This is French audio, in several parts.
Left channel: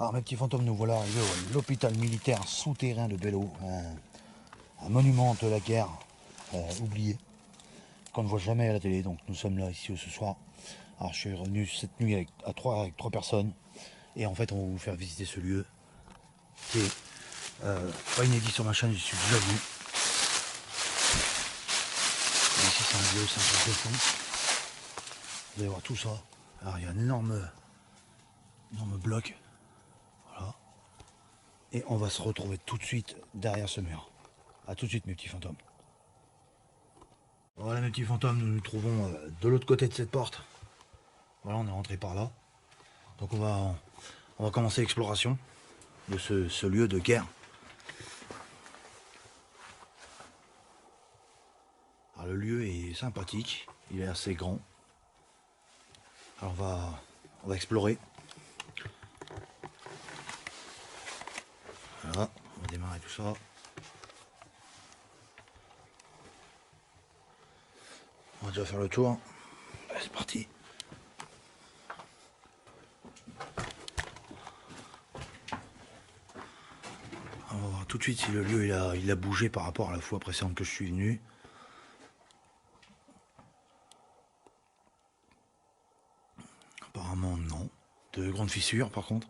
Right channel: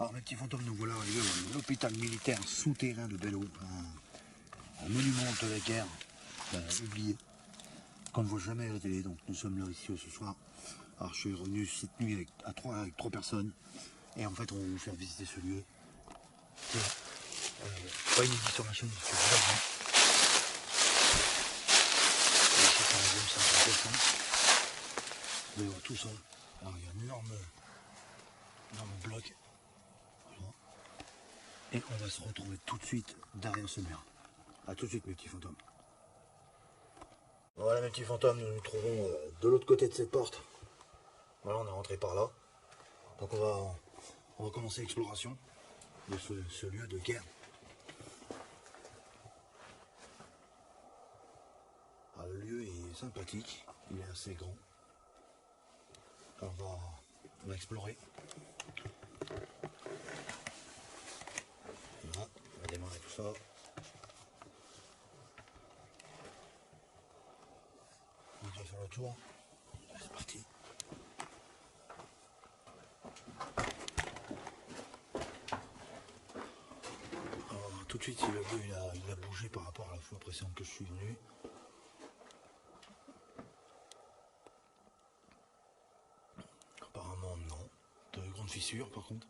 Alors mes petits fantômes, nous voilà arrivés à l'hôpital militaire souterrain de Bello, un monument de la guerre oublié, qu'on ne voit jamais à la télé. Donc nous sommes là ici ce soir. Alors je suis revenu cette nuit avec trois personnes, et en fait on va vous faire visiter ce lieu qui est pas inédit sur ma chaîne, j'y suis déjà venu. Et ici c'est un lieu, c'est intéressant. Vous allez voir tout ça. Alors il y a un énorme bloc. Voilà. Et on va se retrouver tout de suite derrière ce mur. A tout de suite mes petits fantômes. Voilà mes petits fantômes, nous nous trouvons de l'autre côté de cette porte. Voilà, on est rentré par là. Donc on va commencer l'exploration de ce lieu de guerre. Alors, le lieu est sympathique, il est assez grand. Alors on va explorer. Voilà, on va démarrer tout ça. On va déjà faire le tour. Allez, c'est parti. On va voir tout de suite si le lieu il a bougé par rapport à la fois précédente que je suis venu. Apparemment non. De grandes fissures par contre.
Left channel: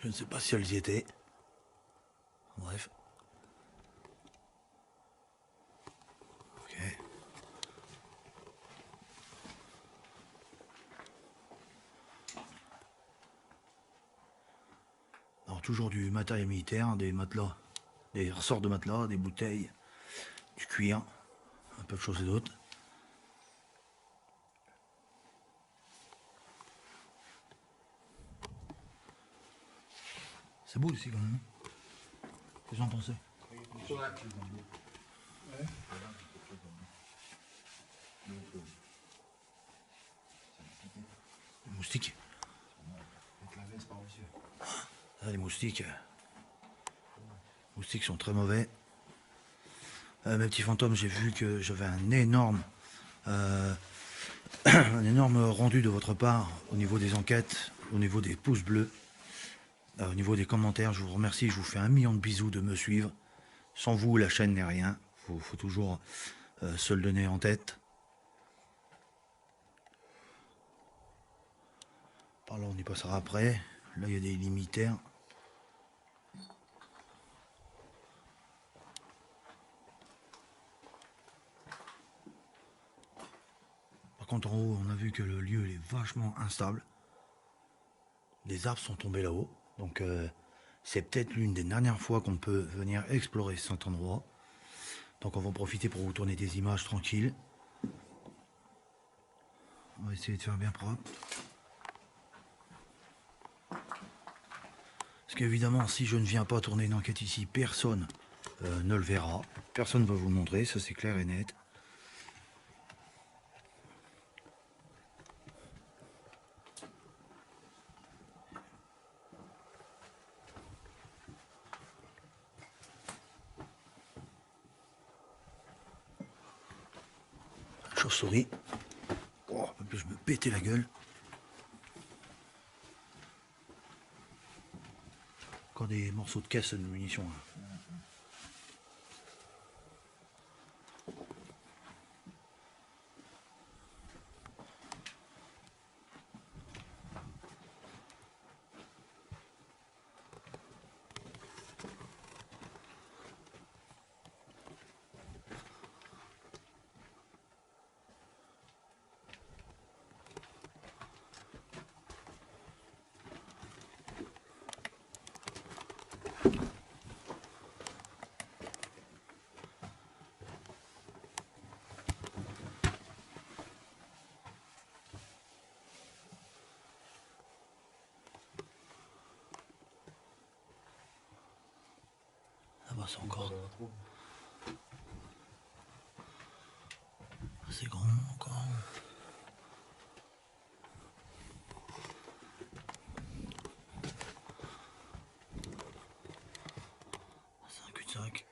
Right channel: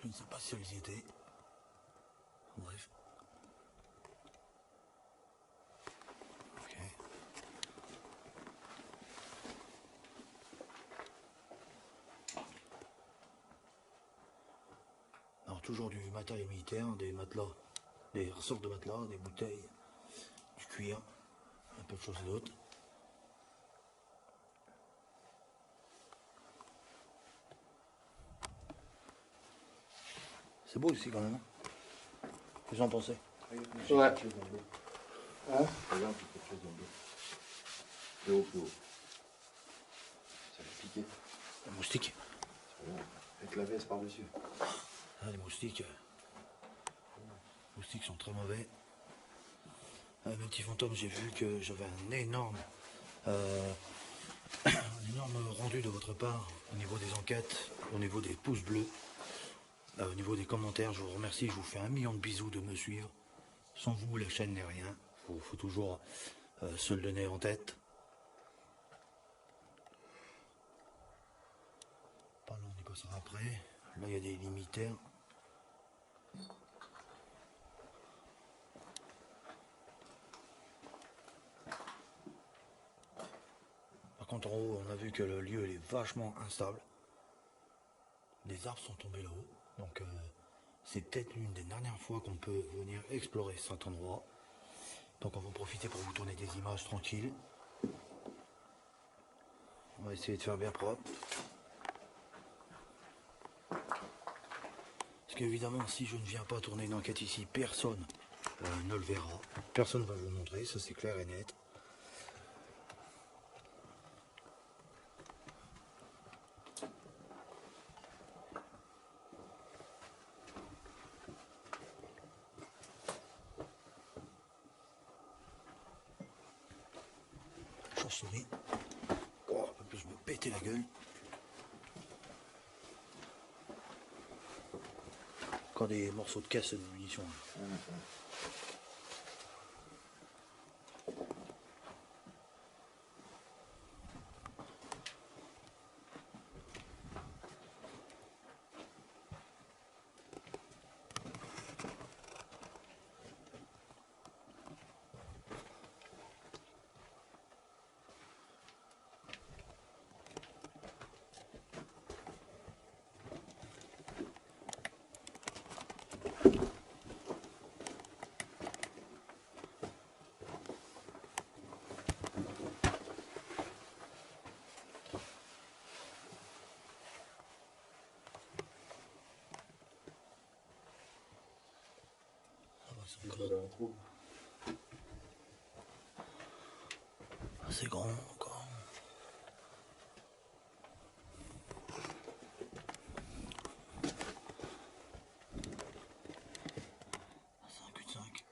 Je ne sais pas si elles y étaient. Bref. Ok. Alors toujours du matériel militaire, des matelas, des ressorts de matelas, des bouteilles, du cuir, un peu de choses et d'autres. C'est beau ici quand même. Qu'est-ce que vous en pensez? Ouais. Hein? Regarde, quelque chose dans le dos. Plus haut, plus haut. Ça va piquer. Les moustiques. Avec la veste par-dessus. Ah, les moustiques. Les moustiques sont très mauvais. Mes petits fantômes, j'ai vu que j'avais un énorme rendu de votre part au niveau des enquêtes, au niveau des pouces bleus, au niveau des commentaires. Je vous remercie, je vous fais 1 million de bisous de me suivre. Sans vous, la chaîne n'est rien. Faut toujours se le donner en tête. Par là, on y passera après. Là, il y a des limitaires. Par contre, en haut, on a vu que le lieu il est vachement instable. Des arbres sont tombés là-haut. Donc, c'est peut-être l'une des dernières fois qu'on peut venir explorer cet endroit. Donc, on va en profiter pour vous tourner des images tranquilles. On va essayer de faire bien propre. Parce qu'évidemment, si je ne viens pas tourner une enquête ici, personne ne le verra. Personne ne va vous le montrer, ça c'est clair et net. Chauve-souris. Oh, je me péter la gueule. Encore des morceaux de caisse de munitions. Là. C'est encore assez grand encore. C'est un cul-de-sac.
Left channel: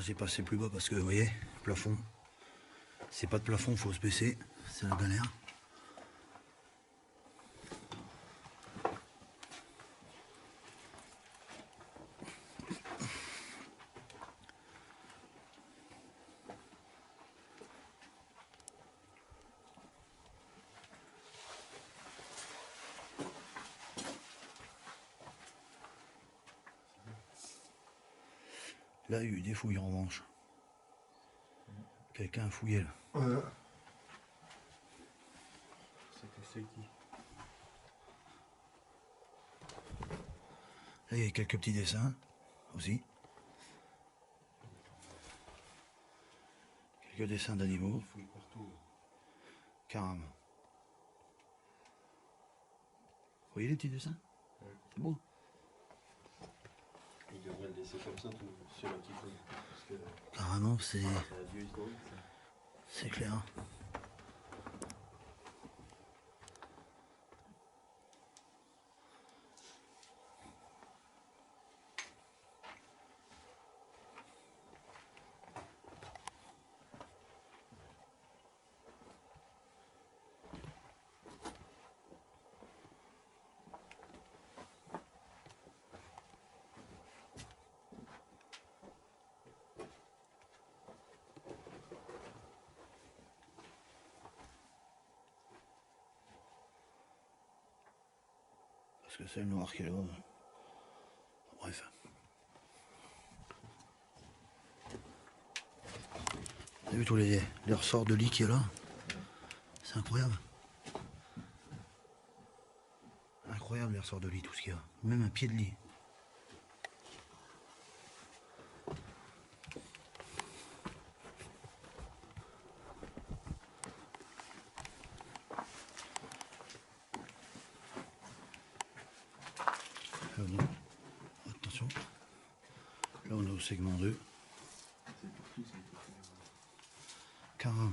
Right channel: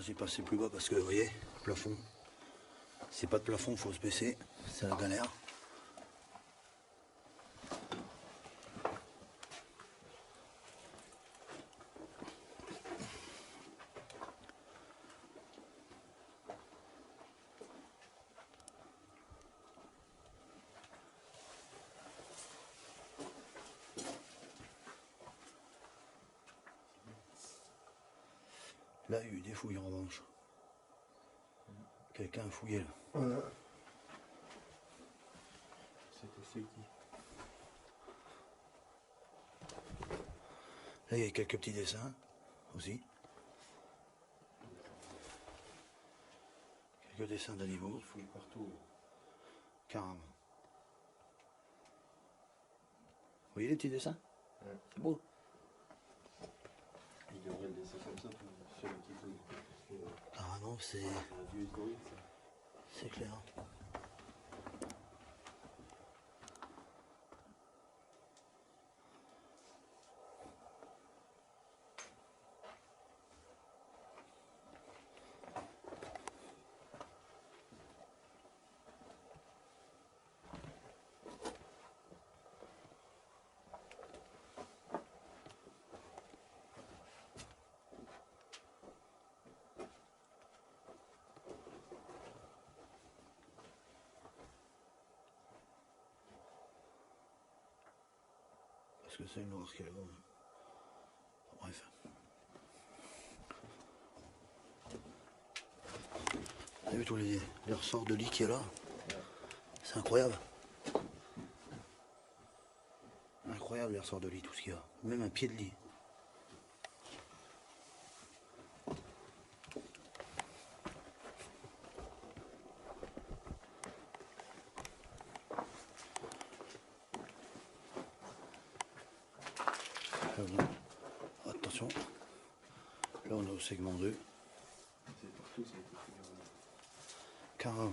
Là j'ai passé plus bas parce que vous voyez, plafond. C'est pas de plafond, faut se baisser, c'est la galère. Là, il y a eu des fouilles en revanche. Quelqu'un a fouillé là. Ouais. C'est qui? Là, il y a quelques petits dessins aussi. Quelques dessins d'animaux. Il fouille partout. Carrément. Vous voyez les petits dessins? Ouais. C'est beau. Il devrait le laisser comme ça, tout celui qui fouille. Parce que Carrément, c'est un vieux historique, ça. c'est clair. Parce que c'est le noir qui est là. Bref. Vous avez vu tous les ressorts de lit qui est là? C'est incroyable. Incroyable les ressorts de lit, tout ce qu'il y a. Même un pied de lit. Attention. Là on est au segment 2. C'est partout, ça a été fouillé. Carrément.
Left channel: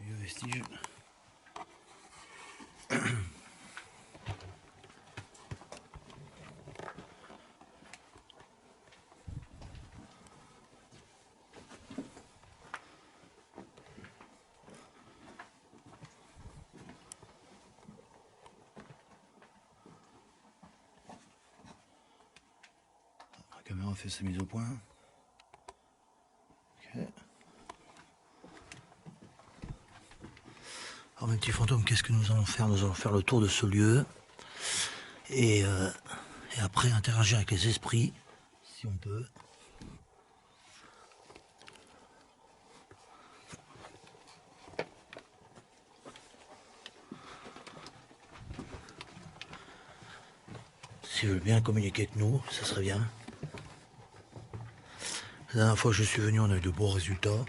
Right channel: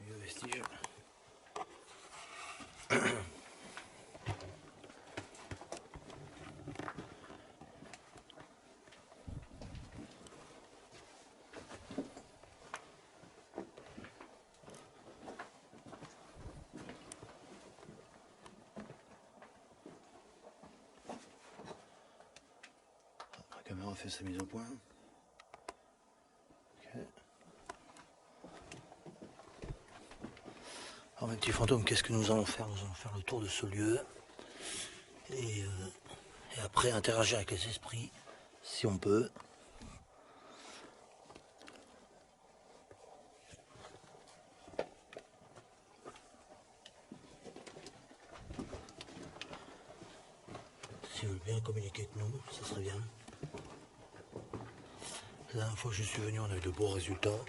Vieux vestige. La caméra fait sa mise au point. Ok. Alors mes petits fantômes, qu'est-ce que nous allons faire? Nous allons faire le tour de ce lieu et après interagir avec les esprits, si on peut. S'ils veulent bien communiquer avec nous, ça serait bien. La dernière fois que je suis venu, on a eu de beaux résultats.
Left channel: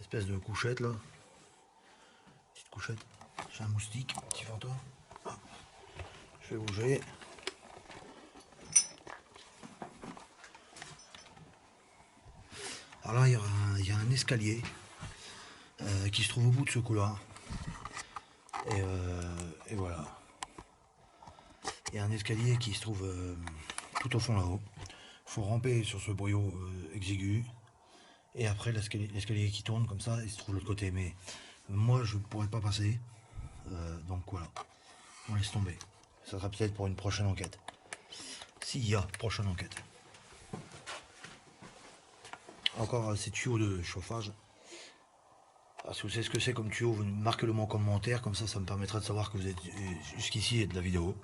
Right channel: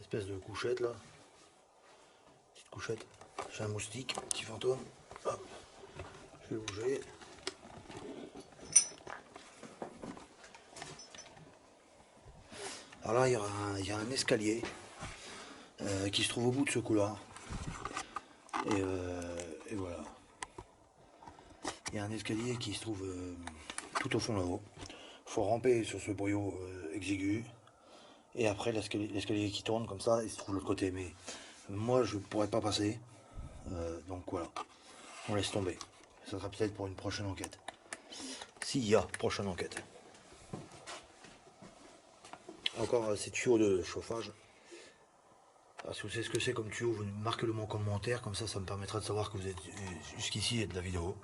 Espèce de couchette là. Petite couchette. J'ai un moustique, petit fantôme. Hop. Je vais bouger. Alors là, il y a un escalier qui se trouve au bout de ce couloir. Et voilà. Il y a un escalier qui se trouve tout au fond là-haut. Il faut ramper sur ce boyau exigu. Et après, l'escalier qui tourne comme ça, il se trouve de l'autre côté. Mais moi, je ne pourrais pas passer. Donc voilà. On laisse tomber. Ça sera peut-être pour une prochaine enquête. S'il y a prochaine enquête. Encore ces tuyaux de chauffage. Alors, si vous savez ce que c'est comme tuyau, vous marquez-le moi en commentaire. Comme ça me permettra de savoir que vous êtes jusqu'ici et de la vidéo.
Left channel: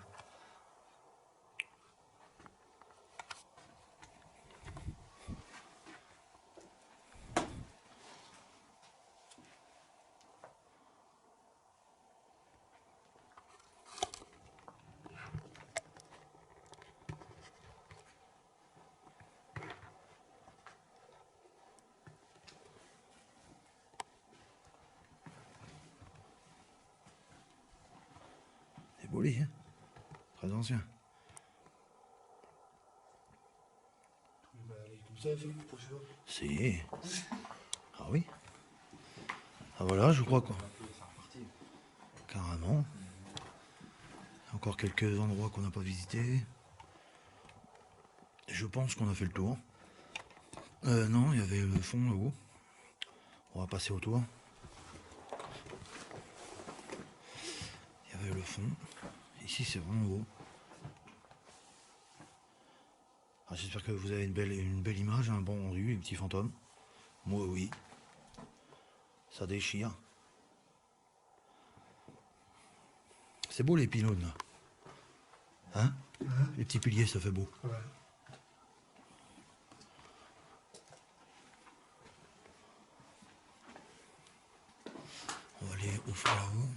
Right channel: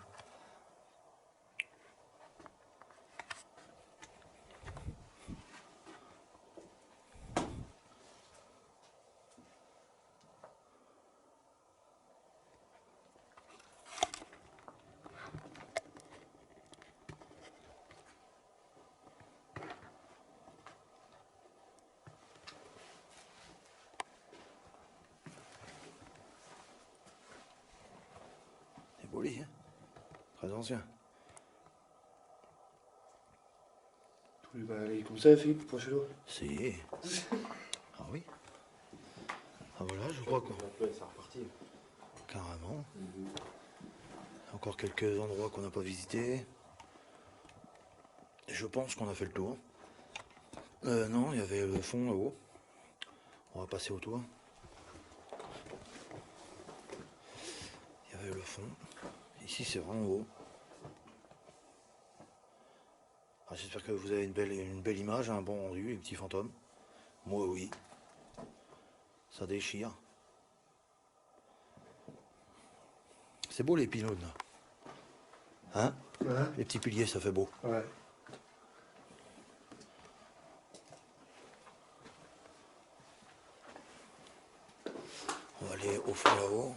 joli, hein. Très ancien. Tu vas aller comme ça, Philippe, pour chez nous. Si. Ah oui. Ah voilà, je crois qu'on... C'est reparti. Carrément. Encore quelques endroits qu'on n'a pas visités. Je pense qu'on a fait le tour. Non, il y avait le fond là-haut. On va passer autour. Il y avait le fond. Ici, c'est vraiment haut. Ah, j'espère que vous avez une belle image, un bon rendu, les petits fantômes. Moi, oui. Ça déchire. C'est beau les pylônes, là. Hein? Ouais. Les petits piliers, ça fait beau. Ouais. On va aller au fond là-haut.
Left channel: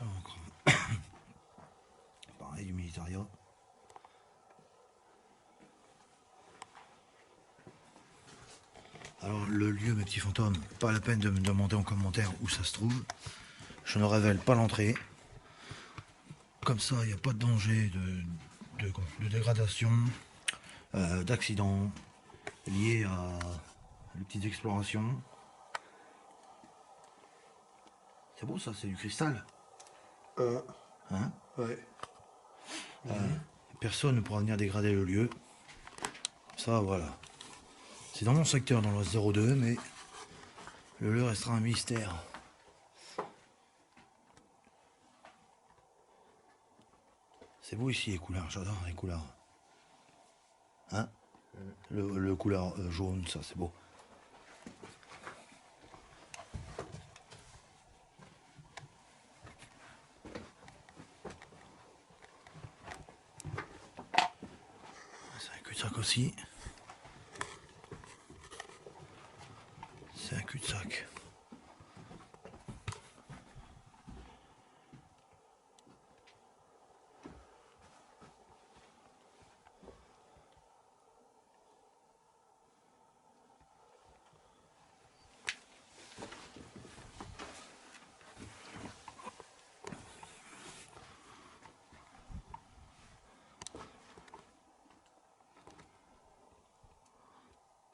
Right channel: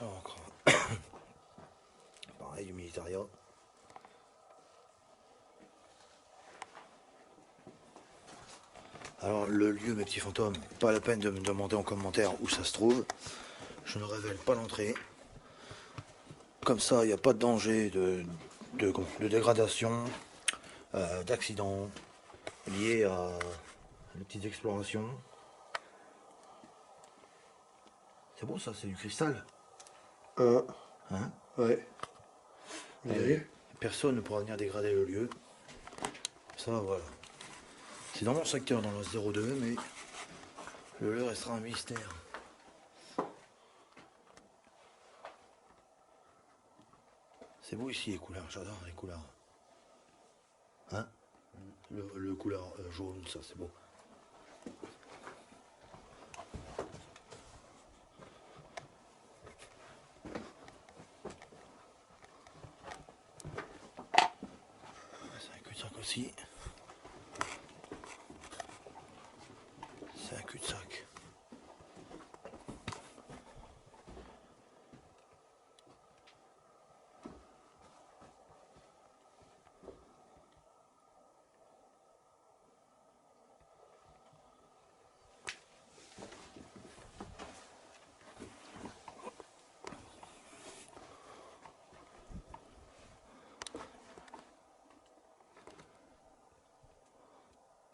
Alors, encore. Pareil, du militaria. Alors, le lieu, mes petits fantômes, pas la peine de me demander en commentaire où ça se trouve. Je ne révèle pas l'entrée. Comme ça, il n'y a pas de danger de dégradation, d'accident liés à les petites explorations. C'est beau ça, c'est du cristal. Hein? Ouais. Personne ne pourra venir dégrader le lieu. Ça, voilà. C'est dans mon secteur, dans le 02, mais le lieu restera un mystère. C'est beau ici les couleurs, j'adore les couleurs. Hein? Le couleur jaune, ça c'est beau. C'est un cul-de-sac aussi. C'est un cul-de-sac.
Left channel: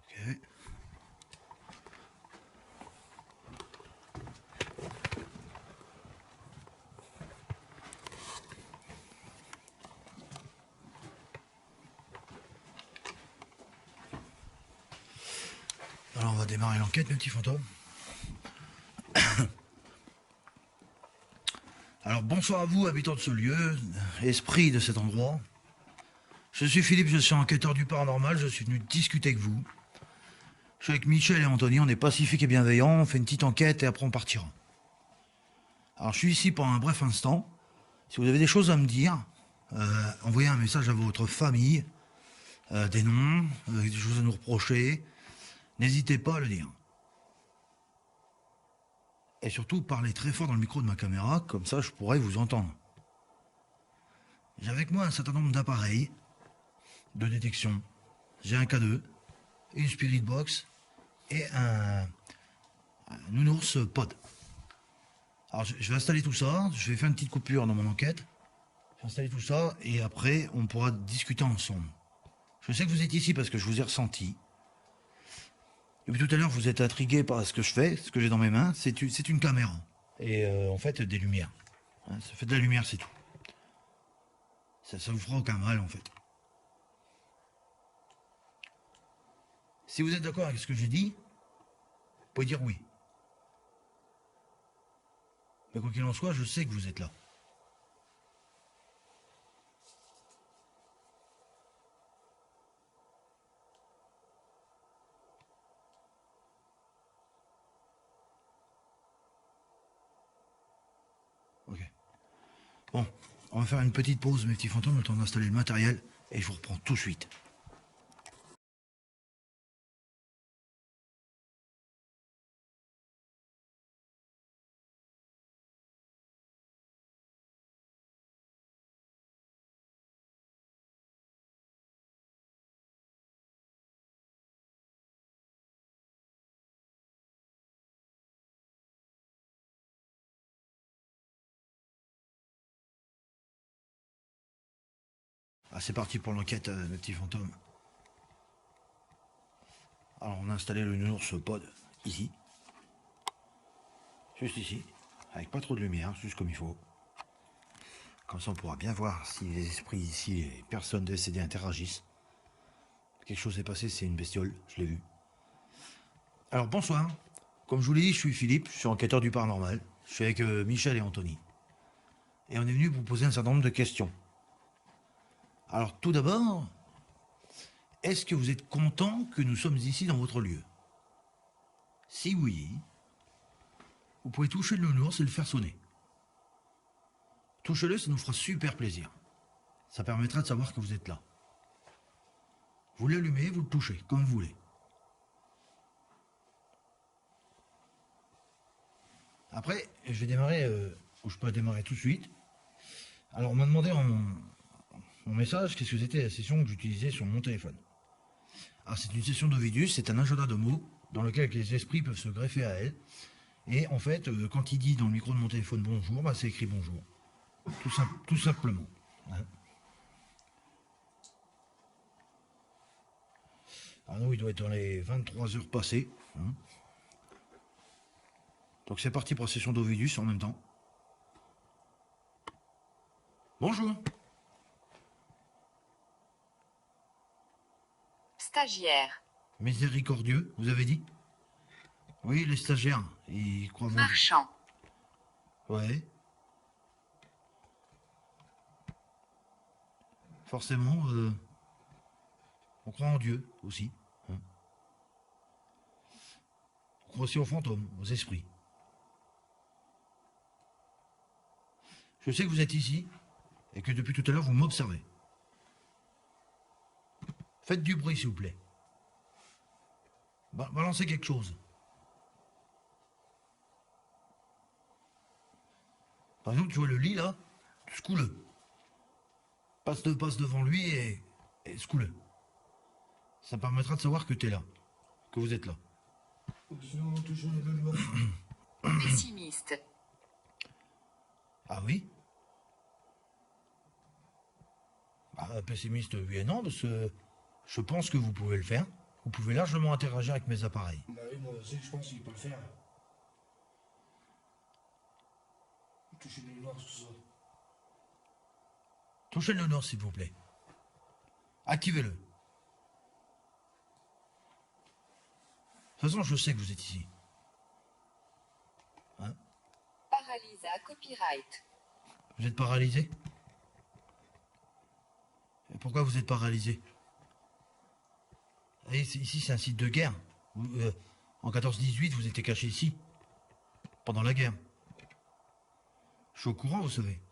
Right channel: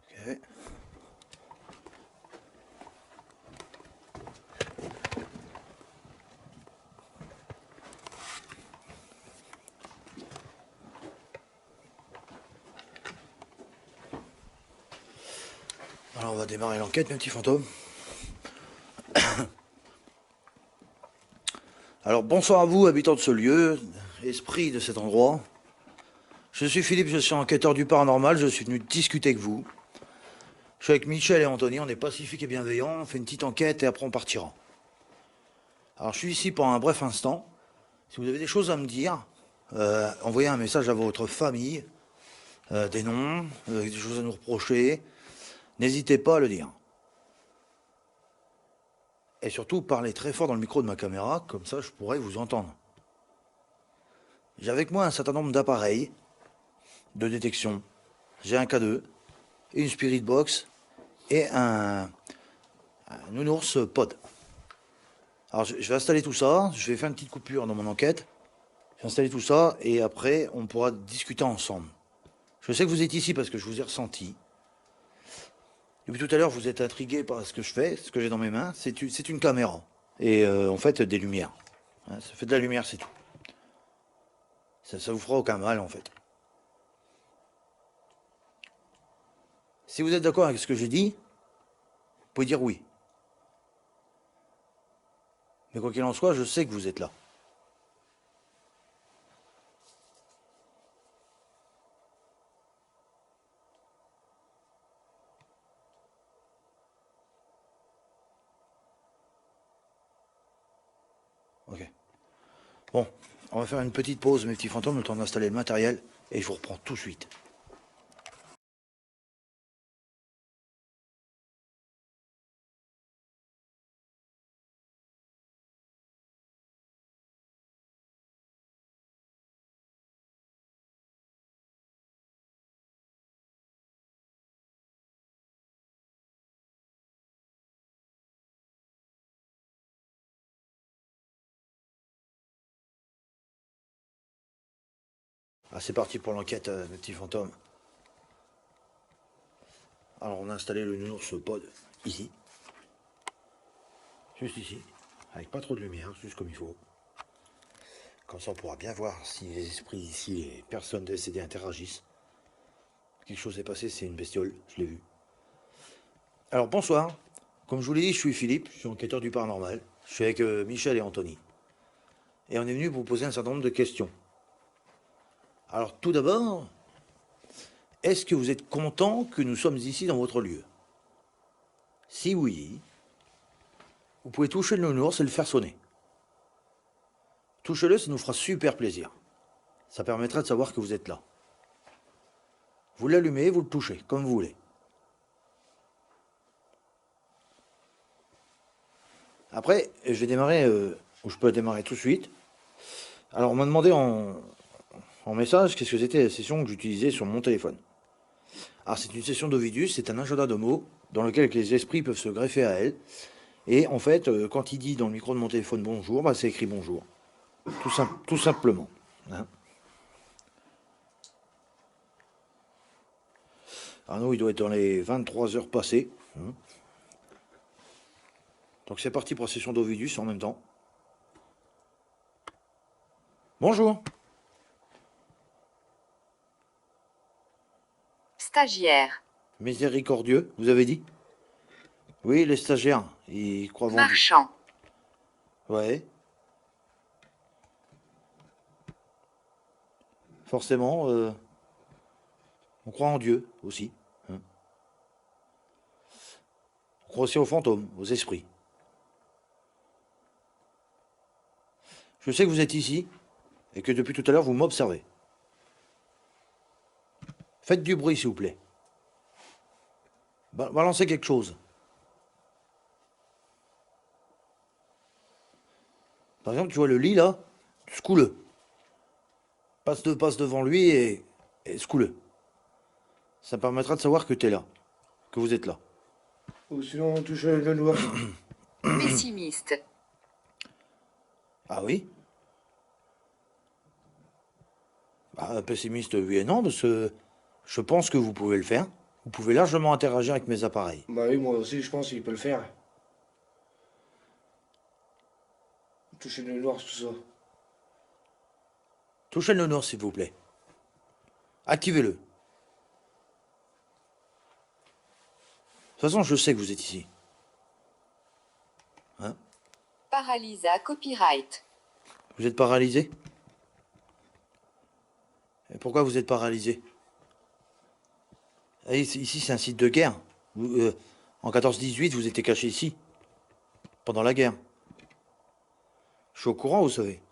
Ok. Alors on va démarrer l'enquête, mes petits fantômes. Alors bonsoir à vous, habitants de ce lieu, esprit de cet endroit. Je suis Philippe, je suis enquêteur du paranormal, je suis venu discuter avec vous. Je suis avec Michel et Anthony, on est pacifiques et bienveillants, on fait une petite enquête et après on partira. Alors je suis ici pour un bref instant. Si vous avez des choses à me dire, envoyez un message à votre famille, des noms, des choses à nous reprocher. N'hésitez pas à le dire. Et surtout, parlez très fort dans le micro de ma caméra, comme ça je pourrai vous entendre. J'ai avec moi un certain nombre d'appareils de détection. J'ai un K2, une Spirit Box et un nounours pod. Alors je vais installer tout ça, je vais faire une petite coupure dans mon enquête. Je vais installer tout ça et après on pourra discuter ensemble. Je sais que vous êtes ici parce que je vous ai ressenti. Depuis tout à l'heure, vous êtes intrigué par ce que je fais, ce que j'ai dans mes mains. C'est une caméra. Et en fait, des lumières. Hein, ça fait de la lumière, c'est tout. Ça vous fera aucun mal, en fait. Si vous êtes d'accord avec ce que j'ai dit, vous pouvez dire oui. Mais quoi qu'il en soit, je sais que vous êtes là. Ok. Bon, on va faire une petite pause, mes petits fantômes, le temps d'installer le matériel, et je vous reprends tout de suite. Ah, c'est parti pour l'enquête, mes petits fantômes. Alors, on a installé le nounours pod ici. Juste ici. Avec pas trop de lumière, juste comme il faut. Comme ça, on pourra bien voir si les esprits ici, les personnes décédées interagissent. Quelque chose s'est passé, c'est une bestiole, je l'ai vu. Alors, bonsoir. Comme je vous l'ai dit, je suis Philippe, je suis enquêteur du paranormal. Je suis avec Michel et Anthony. Et on est venu vous poser un certain nombre de questions. Alors, tout d'abord, est-ce que vous êtes content que nous sommes ici dans votre lieu? Si oui, vous pouvez toucher le nounours et le faire sonner. Touchez-le, ça nous fera super plaisir. Ça permettra de savoir que vous êtes là. Vous l'allumez, vous le touchez, comme vous voulez. Après, je vais démarrer, ou je peux démarrer tout de suite. Alors, on m'a demandé en message qu'est-ce que c'était la session que j'utilisais sur mon téléphone. Alors, c'est une session d'Ovidus, c'est un agenda de mots dans lequel les esprits peuvent se greffer à elle. Et en fait, quand il dit dans le micro de mon téléphone bonjour, bah, c'est écrit bonjour. Tout simplement. Hein. Alors nous, il doit être dans les 23 heures passées. Hein. Donc c'est parti pour la session d'Ovidus en même temps. Bonjour. Stagiaire. Miséricordieux, vous avez dit? Oui, les stagiaires, ils croient vendu. Marchand. Ouais. Forcément, on croit en Dieu aussi. Hein. On croit aussi aux fantômes, aux esprits. Je sais que vous êtes ici et que depuis tout à l'heure vous m'observez. Faites du bruit s'il vous plaît. Balancez quelque chose. Par exemple, tu vois le lit là, secoue-le. Passe devant lui et secoue-le. Ça permettra de savoir que tu es là, que vous êtes là. Ou sinon, on touche le noir. Pessimiste. Ah oui? Bah, pessimiste, oui et non, parce que je pense que vous pouvez le faire. Vous pouvez largement interagir avec mes appareils. Bah oui, moi aussi, je pense qu'il peut le faire. Toucher le noir, tout ça. Touchez le nounours, s'il vous plaît. Activez-le. De toute façon, je sais que vous êtes ici. Hein? Paralysa copyright. Vous êtes paralysé? Et pourquoi vous êtes paralysé? Ici, c'est un site de guerre. En 14-18, vous étiez caché ici. Pendant la guerre. Je suis au courant, vous savez.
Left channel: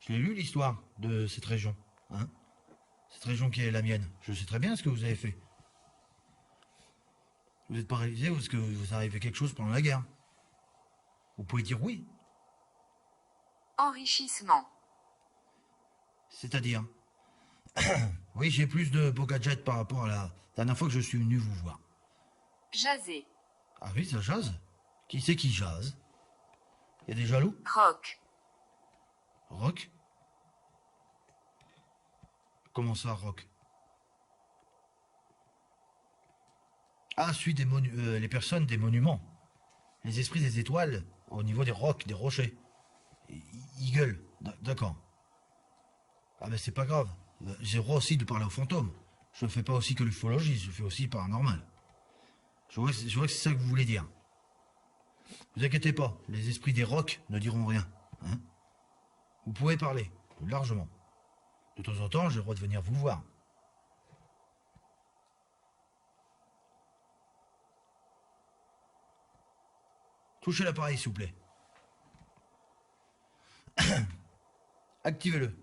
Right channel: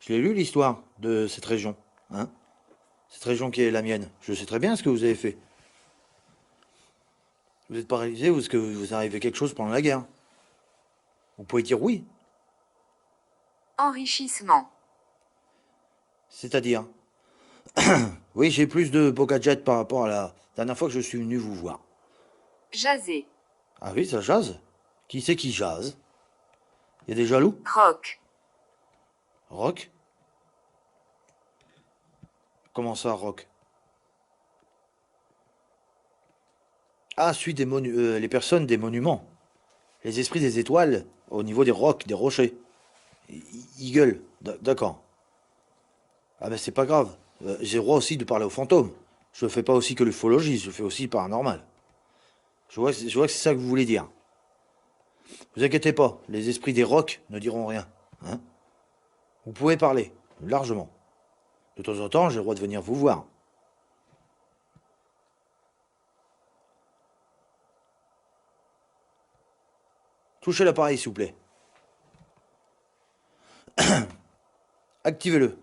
Je l'ai lu, l'histoire de cette région. Hein? Cette région qui est la mienne. Je sais très bien ce que vous avez fait. Vous êtes paralysé ou est-ce que vous arrivez quelque chose pendant la guerre? Vous pouvez dire oui. Enrichissement. C'est-à-dire? Oui, j'ai plus de beaux gadgets par rapport à la dernière fois que je suis venu vous voir. Jaser. Ah oui, ça jase? Qui c'est qui jase? Il y a des jaloux? Rock. Rock? Comment ça, rock? Ah, celui des les personnes des monuments. Les esprits des étoiles, au niveau des rocs, des rochers. Ils gueulent. D'accord. Ah ben c'est pas grave. J'ai le droit aussi de parler aux fantômes. Je ne fais pas aussi que l'ufologie, je fais aussi le paranormal. Je vois que c'est ça que vous voulez dire. Vous inquiétez pas, les esprits des rocs ne diront rien. Hein? Vous pouvez parler, largement. De temps en temps, j'ai le droit de venir vous voir. Touchez l'appareil, s'il vous plaît. Activez-le.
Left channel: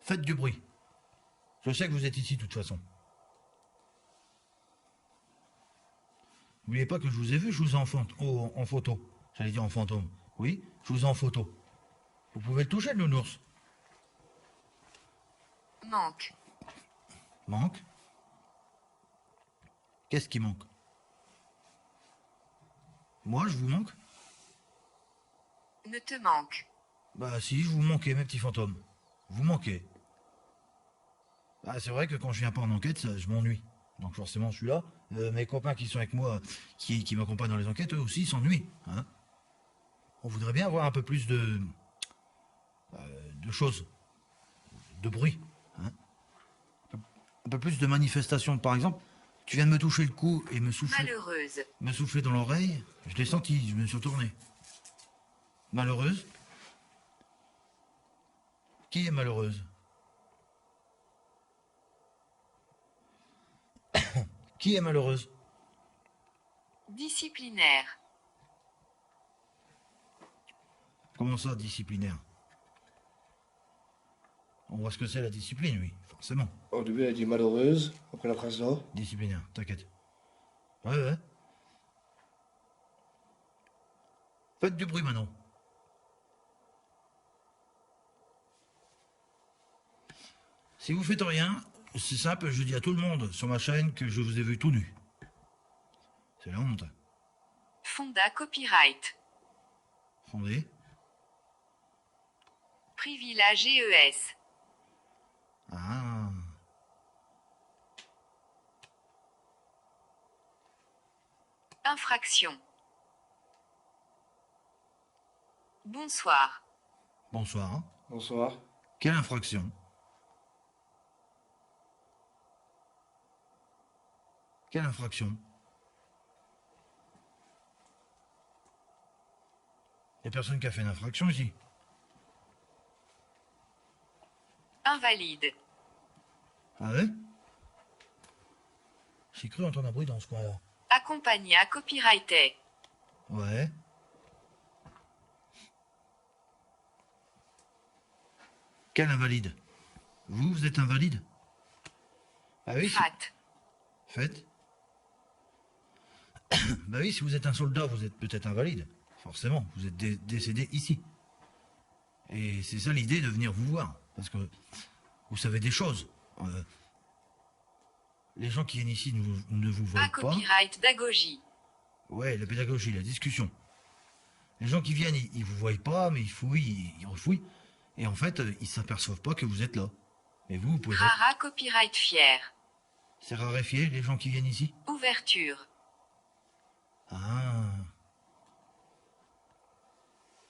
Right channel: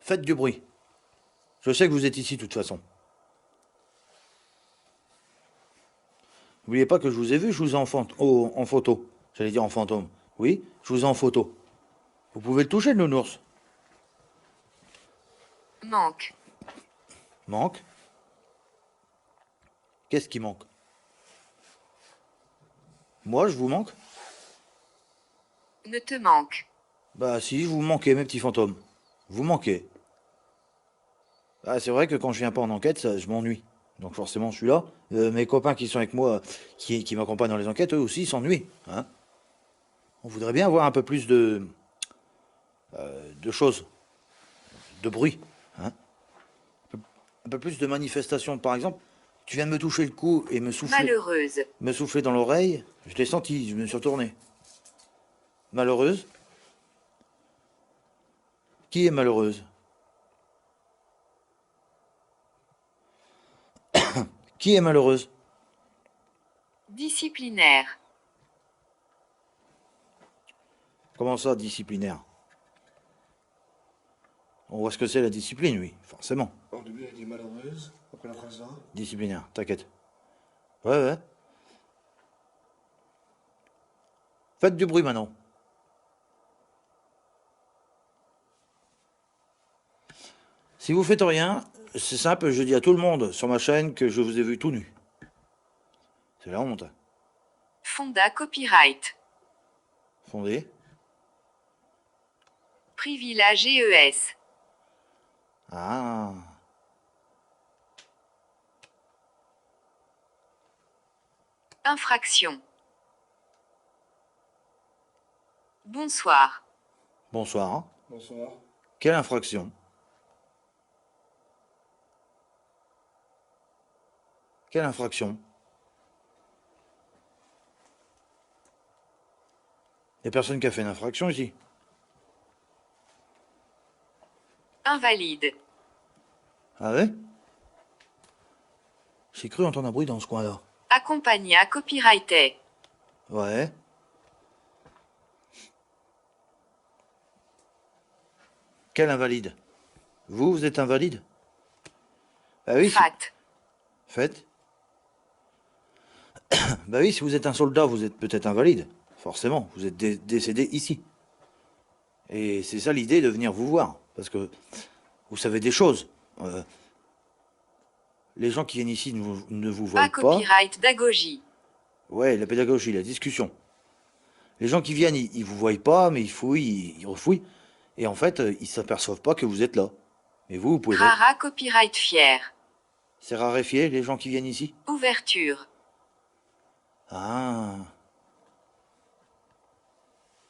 Faites du bruit. Je sais que vous êtes ici, de toute façon. N'oubliez pas que je vous ai vu, je vous ai en photo. J'allais dire en fantôme. Oui, je vous ai en photo. Vous pouvez le toucher, le nounours. Manque. Manque? Qu'est-ce qui manque? Moi, je vous manque? Ne te manque. Bah si, vous manquez, mes petits fantômes. Vous manquez. Ah, c'est vrai que quand je viens pas en enquête, je m'ennuie. Donc forcément, je suis là. Mes copains qui sont avec moi, qui m'accompagnent dans les enquêtes, eux aussi s'ennuient. Hein. On voudrait bien avoir un peu plus de choses, de bruit. Hein. Un peu plus de manifestations. Par exemple, tu viens de me toucher le cou et Malheureuse. me souffler dans l'oreille. Je l'ai senti, je me suis retourné. Malheureuse? Qui est malheureuse? Qui est malheureuse? Disciplinaire. Comment ça, disciplinaire? On voit ce que c'est la discipline, oui, forcément. Au début, elle a dit malheureuse, après la phrase là. Disciplinaire, t'inquiète. Ouais. Faites du bruit maintenant. Si vous faites rien, c'est simple, je dis à tout le monde sur ma chaîne que je vous ai vu tout nu. C'est la honte. Fonda Copyright. Fondé. Privilège GES. Ah. Infraction. Bonsoir. Bonsoir. Hein. Bonsoir. Quelle infraction? Quelle infraction? Y a personne qui a fait une infraction ici. Invalide. Ah ouais? J'ai cru entendre un bruit dans ce coin-là. Accompagna copyrighté. Ouais. Quel invalide? Vous êtes invalide? Bah oui. Fat. Faites. Bah oui, si vous êtes un soldat, vous êtes peut-être invalide. Forcément, vous êtes décédé ici. Et c'est ça l'idée de venir vous voir. Parce que vous savez des choses. Les gens qui viennent ici ne vous voient Pas pas. copyright d'agogie. Ouais, la pédagogie, la discussion. Les gens qui viennent, ils vous voient pas, mais ils fouillent, ils refouillent. Et en fait, ils s'aperçoivent pas que vous êtes là. Mais vous pouvez... Rara copyright fier. C'est raréfié, les gens qui viennent ici? Ouverture. Ah.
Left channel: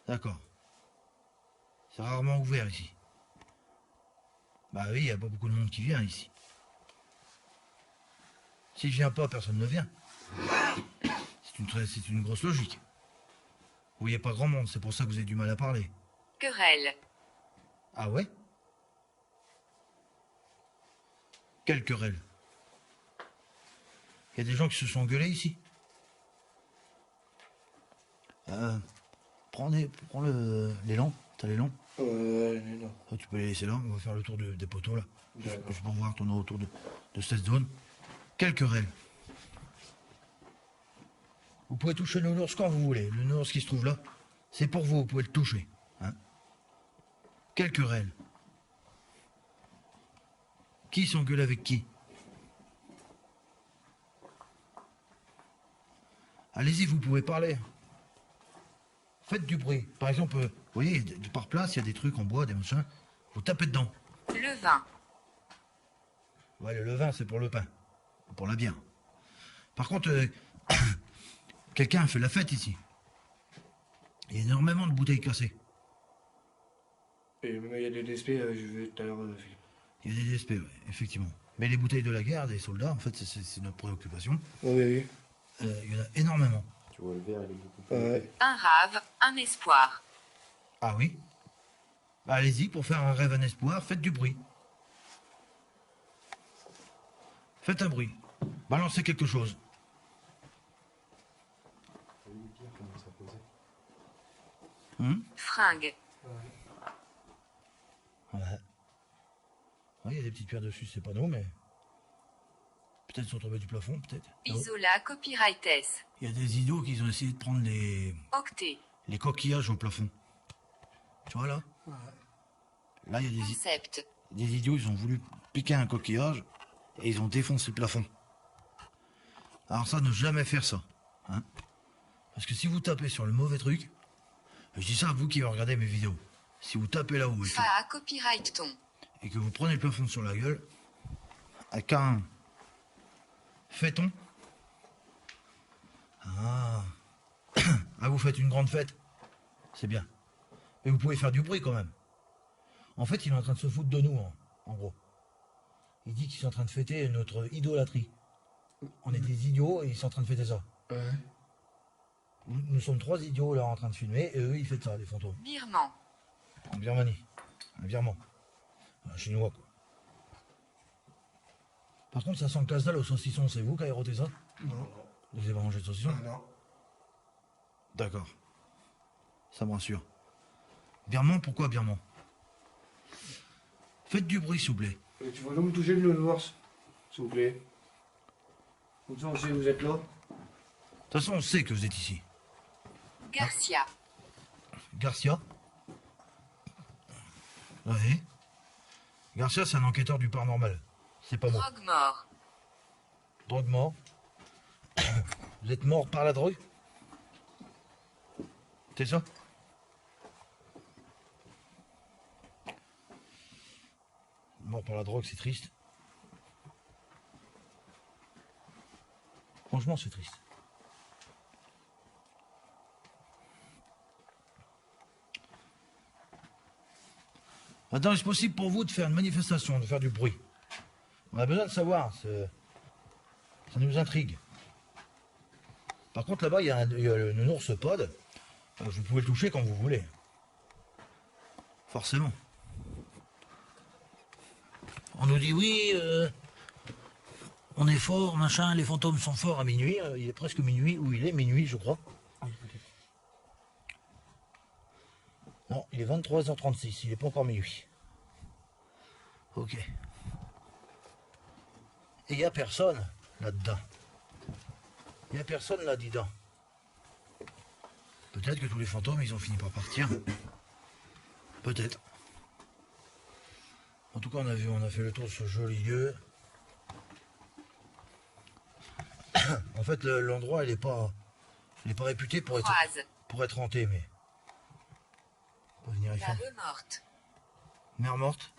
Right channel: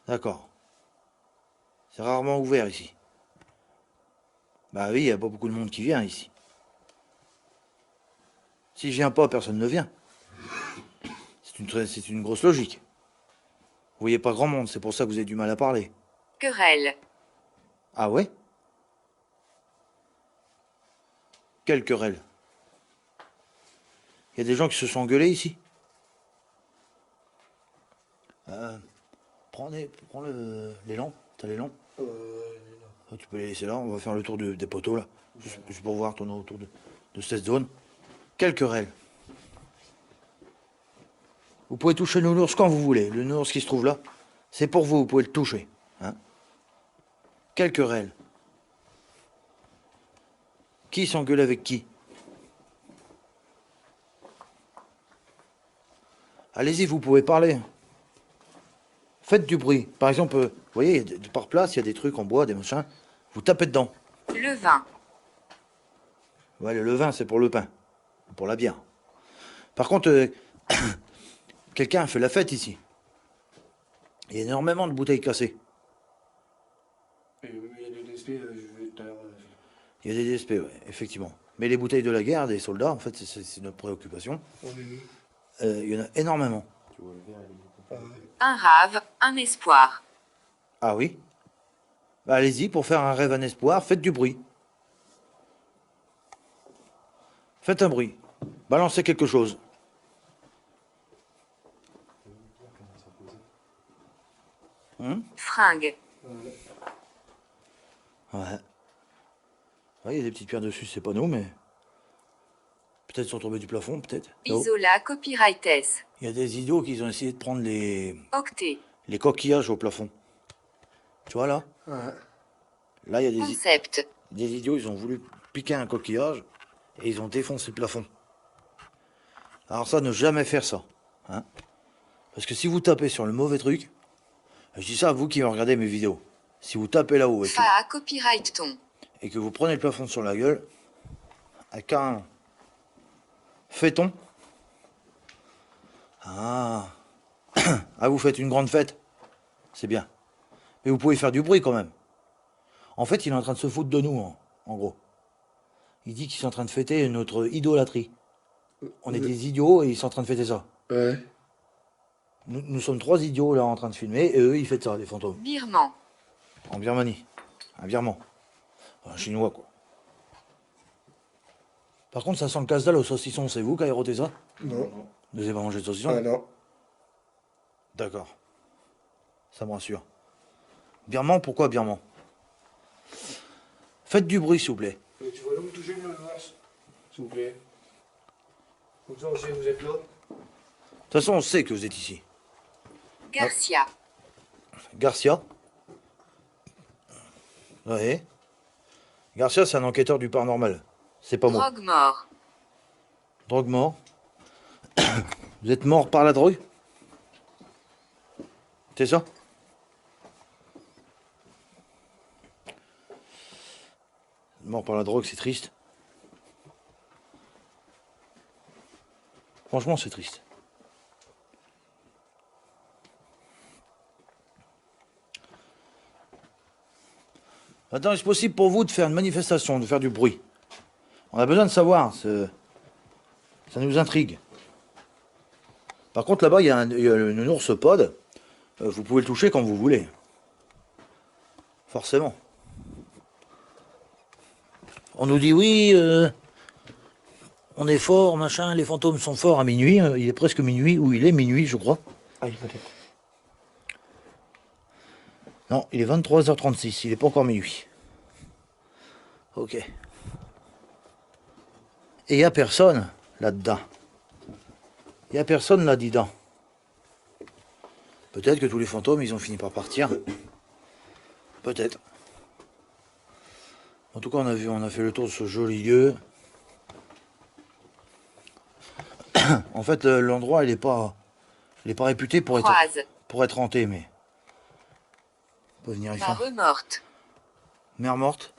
D'accord. C'est rarement ouvert ici. Bah oui, il n'y a pas beaucoup de monde qui vient ici. Si je viens pas, personne ne vient. C'est une grosse logique. Vous voyez pas grand monde, c'est pour ça que vous avez du mal à parler. Querelle. Ah ouais? Quelle querelle? Il y a des gens qui se sont engueulés ici? Prends les lampes. T'as les lampes? Non. Tu peux les laisser là, on va faire le tour des poteaux là. Juste pour voir, tourner autour de cette zone. Quelle querelle? Vous pouvez toucher le nounours quand vous voulez. Le nounours qui se trouve là, c'est pour vous, vous pouvez le toucher. Hein? Quelle querelle? Qui s'engueule avec qui? Allez-y, vous pouvez parler. Faites du bruit. Par exemple, vous voyez, par place, il y a des trucs en bois, des machins. Vous tapez dedans. Le vin. Ouais, le levain, c'est pour le pain. Pour la bière. Par contre, quelqu'un a fait la fête ici. Il y a énormément de bouteilles cassées. Et même il y a des DSP, je vais tout à l'heure. Il y a des DSP, ouais, effectivement. Mais les bouteilles de la guerre, des soldats, en fait, c'est notre préoccupation. Oui. Il y en a énormément. Tu vois le verre, il est beaucoup plus. Ouais. Un rave, un espoir. Ah oui? Bah, allez-y, pour faire un rêve, un espoir, faites du bruit. Faites un bruit. Balancez quelque chose. Fringue. Ouais. Ouais, il y a des petites pierres dessus, c'est pas nous, mais... Peut-être sont tombés du plafond, peut-être. Là-haut. Isola copyrightes. Il y a des idiots qui ont essayé de prendre les Octet. coquillages au plafond. Tu vois, là? Ouais. Là, il y a Concept. des idiots, ils ont voulu piquer un coquillage et ils ont défoncé le plafond. Alors ça, ne jamais faire ça. Hein? Parce que si vous tapez sur le mauvais truc, Je dis ça à vous qui regardez mes vidéos. Si vous tapez là-haut Fa copyright ton. et que vous prenez le plafond sur la gueule, avec un fait-on. Ah. Ah, vous faites une grande fête. C'est bien. Mais vous pouvez faire du bruit quand même. En fait, il est en train de se foutre de nous, en gros. Il dit qu'ils sont en train de fêter notre idolâtrie. On est des idiots et ils sont en train de fêter ça. Ouais. Nous sommes 3 idiots là en train de filmer et eux ils fêtent ça, les fantômes. Birman. En Birmanie. Un birman. Un chinois quoi. Par contre ça sent le casse-dalle au saucisson, c'est vous qui avez roté ça? Non. Vous n'avez pas mangé de saucisson? Ah non. D'accord. Ça me rassure. Birman, pourquoi birman? Faites du bruit s'il vous plaît. Et tu vas donc me toucher le nounours, s'il vous plaît. Comme ça on sait que vous êtes là. De toute façon on sait que vous êtes ici. Garcia. Garcia. Ouais. Garcia c'est un enquêteur du paranormal. C'est pas moi. Drogue mort. Drogue mort. Vous êtes mort par la drogue? C'est ça? Mort par la drogue, c'est triste. Franchement, c'est triste. Maintenant, est-ce possible pour vous de faire une manifestation, de faire du bruit? On a besoin de savoir, ça nous intrigue. Par contre, là-bas, il y a le nounours pod. Vous pouvez le toucher quand vous voulez. Forcément. On nous dit oui, on est fort, machin, les fantômes sont forts à minuit. Il est presque minuit, ou il est minuit, je crois. Ah, peut-être. Non, il est 23h36, il n'est pas encore minuit. Ok. Et il n'y a personne là-dedans. Il n'y a personne là-dedans. Peut-être que tous les fantômes, ils ont fini par partir. Peut-être. En tout cas, on a fait le tour de ce joli lieu. En fait, l'endroit, il n'est pas réputé pour être hanté, mais... On peut venir y faire. Mare morte. Mer morte.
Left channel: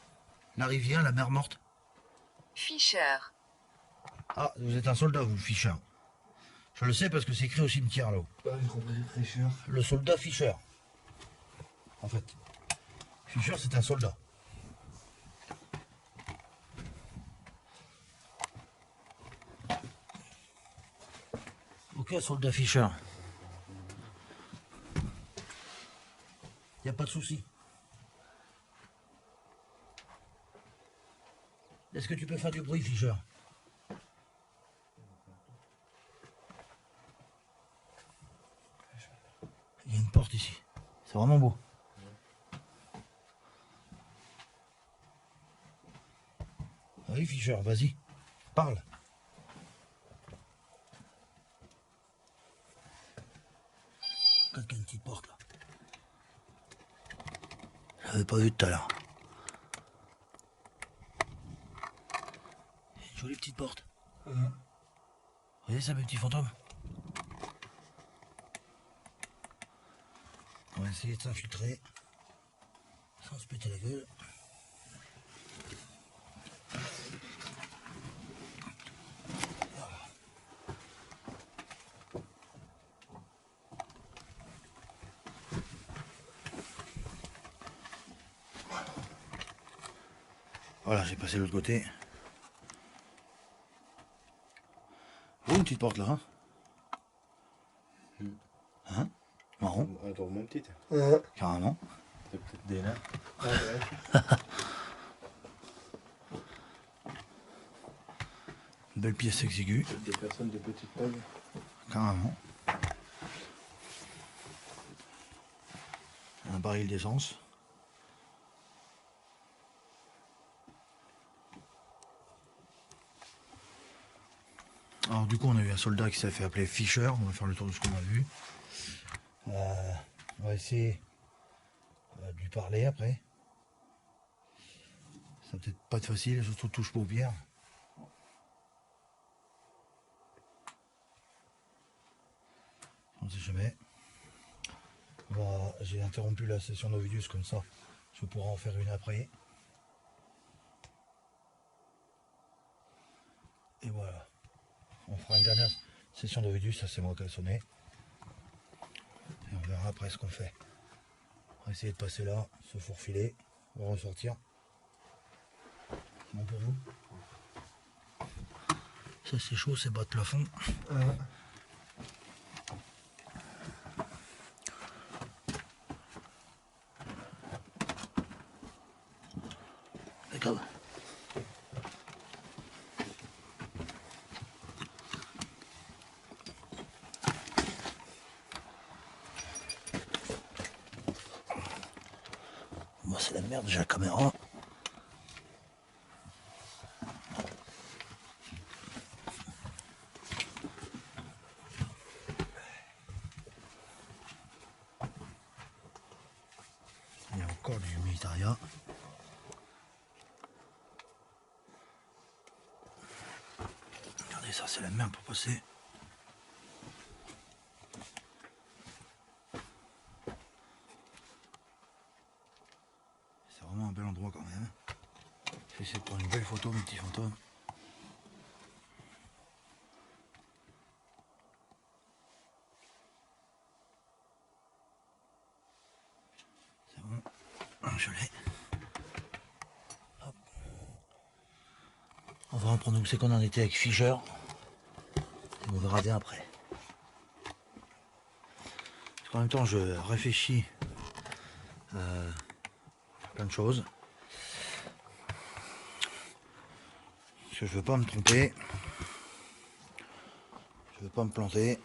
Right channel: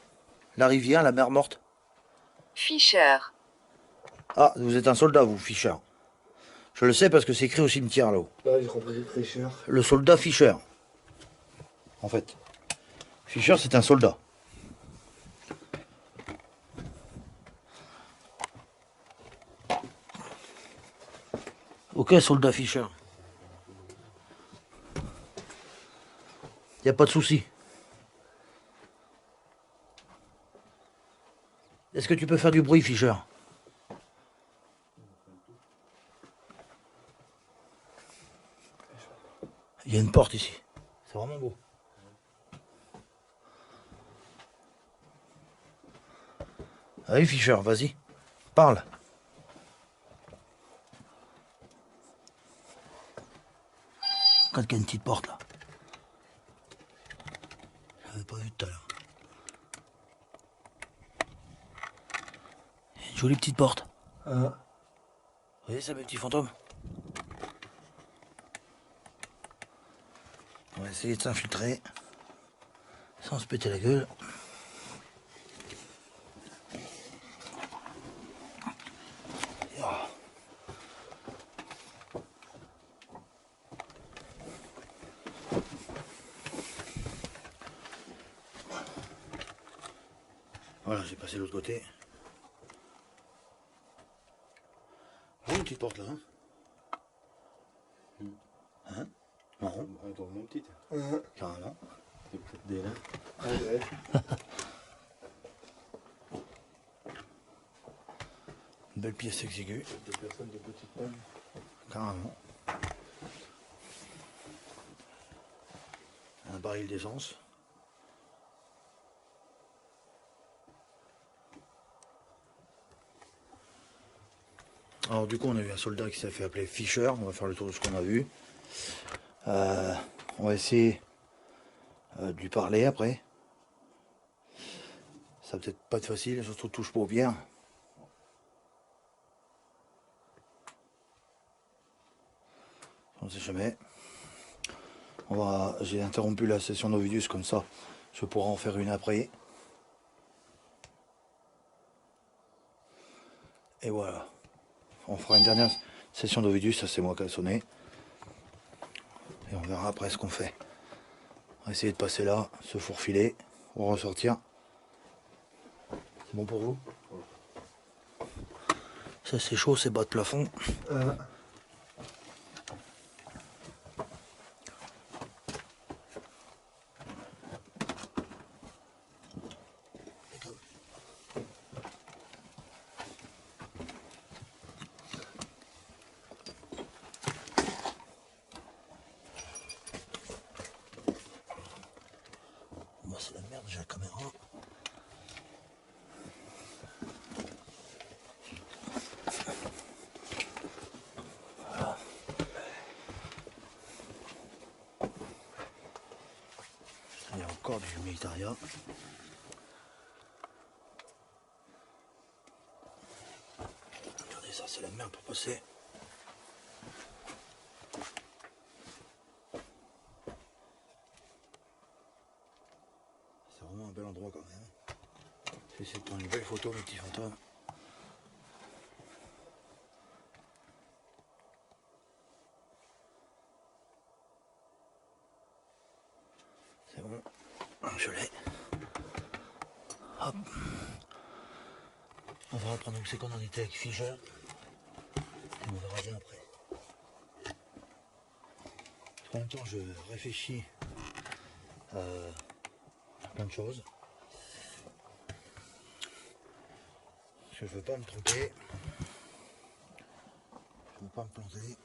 La rivière, la mer morte. Fischer. Ah, vous êtes un soldat, vous, Fischer. Je le sais parce que c'est écrit au cimetière, là-haut. Là, j'ai compris des fraîcheurs. Le soldat Fischer. En fait. Fischer, c'est un soldat. Ok, soldat Fischer. Y a pas de souci. Est-ce que tu peux faire du bruit, Fischer? Il y a une porte ici. C'est vraiment beau. Allez, Fischer, vas-y. Parle. Regarde qu'il y a une petite porte là. Je l'avais pas vu tout à l'heure. Une jolie petite porte. Vous voyez ça, mes petits fantômes? On va essayer de s'infiltrer sans se péter la gueule. Voilà, j'ai passé de l'autre côté. Oh, une petite porte là, hein? Hein? Marron, Attends, mon petit. carrément. C'est peut-être des nains. Ah, ouais. Une belle pièce exiguë, Peut-être des personnes de petite taille. carrément. Un baril d'essence. Alors du coup on a eu un soldat qui s'est fait appeler Fischer, on va faire le tour de ce qu'on a vu. On va essayer de lui parler après. Ça va peut-être pas être facile, surtout touche paupières. On sait jamais. J'ai interrompu la session d'Ovidius comme ça, je pourrai en faire une après. Et voilà. On fera une dernière session d'Ovidius, ça c'est moi qui ai sonné. Et on verra après ce qu'on fait. On va essayer de passer là, se fourfiler, on va ressortir. C'est bon pour vous? Ça c'est chaud, c'est bas de plafond. Regarde. Moi c'est la merde, j'ai la caméra. Il y a encore du militaria. Regardez, ça c'est la merde pour passer. C'est vraiment un bel endroit quand même. J'essaie de prendre une belle photo, mes petits fantômes. C'est bon, je l'ai. Hop. On va reprendre où c'est qu'on en était avec Fischer. Et on verra bien après. Parce qu'en même temps, je réfléchis à plein de choses. Parce que je veux pas me tromper. Je veux pas me planter.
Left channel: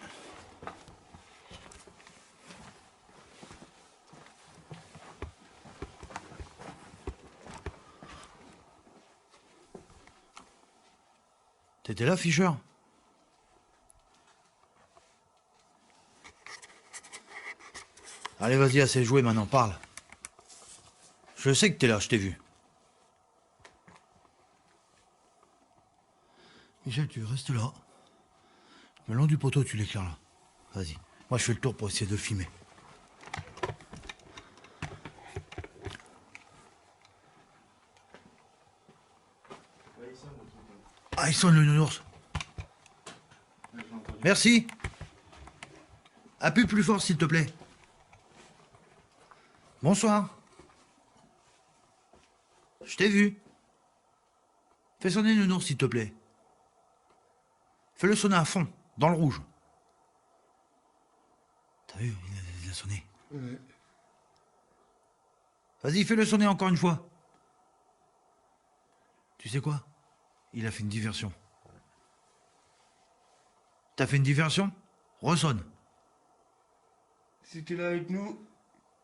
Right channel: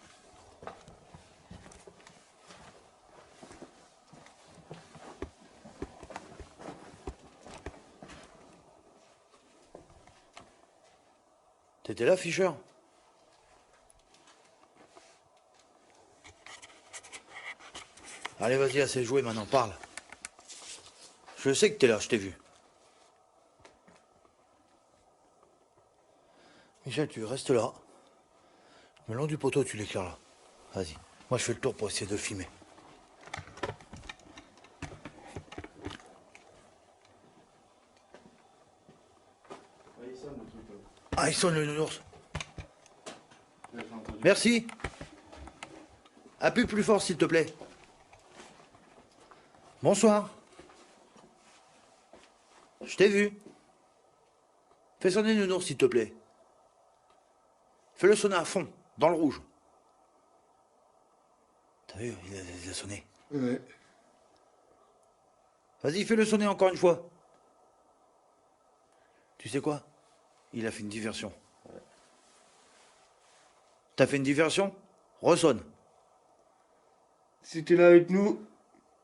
T'étais là, Fischer? Allez, vas-y, assez joué maintenant, parle. Je sais que t'es là, je t'ai vu. Michel, tu restes là. Le long du poteau, tu l'éclaires là. Vas-y. Moi, je fais le tour pour essayer de filmer. Ah, il sonne le nounours. Merci. Appuie plus fort, s'il te plaît. Bonsoir. Je t'ai vu. Fais sonner le nounours, s'il te plaît. Fais-le sonner à fond, dans le rouge. T'as vu, il a sonné. Ouais. Vas-y, fais-le sonner encore une fois. Tu sais quoi? Il a fait une diversion. T'as fait une diversion? Ressonne. Si t'es là avec nous,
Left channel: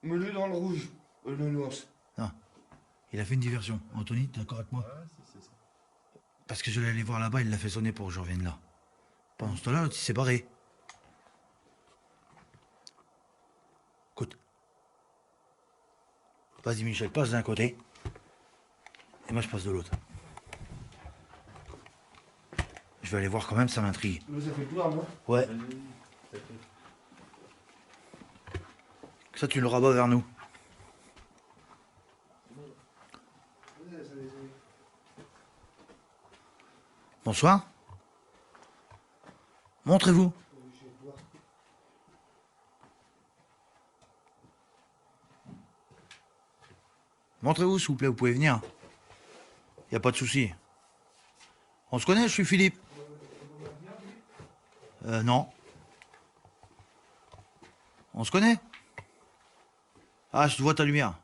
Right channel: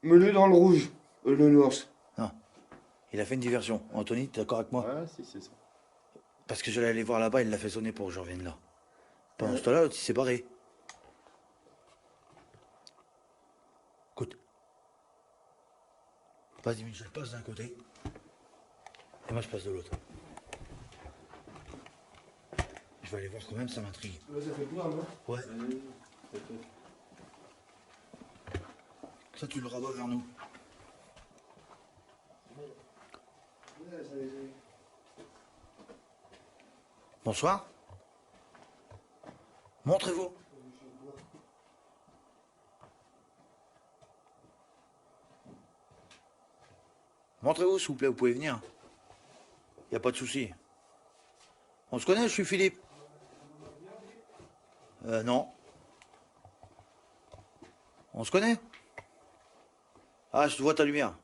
mets-le dans le rouge, le nours. Non. Il a fait une diversion. Anthony, t'es d'accord avec moi? Ouais, si, c'est ça. Parce que je l'allais voir là-bas, il l'a fait sonner pour que je revienne là. Pendant ce temps-là, l'autre, il s'est barré. Écoute. Vas-y, Michel, passe d'un côté. Et moi, je passe de l'autre. Je vais aller voir quand même, ça m'intrigue. Ça fait peur, non? Ouais. Ça, tu le rabats vers nous. Bonsoir. Montrez-vous. Montrez-vous, s'il vous plaît, vous pouvez venir. Y a pas de souci. On se connaît, je suis Philippe. Non. On se connaît? Ah, je te vois ta lumière.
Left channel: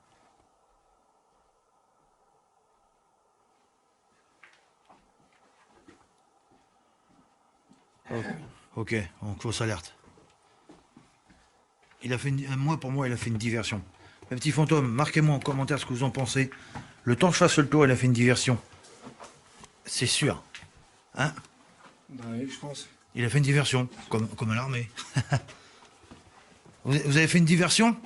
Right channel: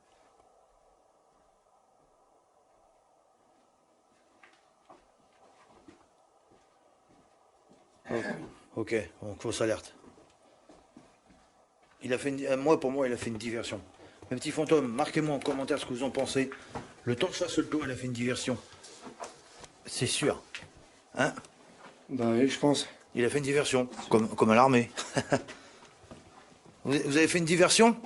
Oh, ok, donc fausse alerte. Il a fait pour moi, il a fait une diversion. Mes petits fantômes, marquez-moi en commentaire ce que vous en pensez. Le temps que je fasse le tour, il a fait une diversion. C'est sûr. Hein? Bah oui, je pense. Il a fait une diversion, comme à l'armée. Vous avez fait une diversion?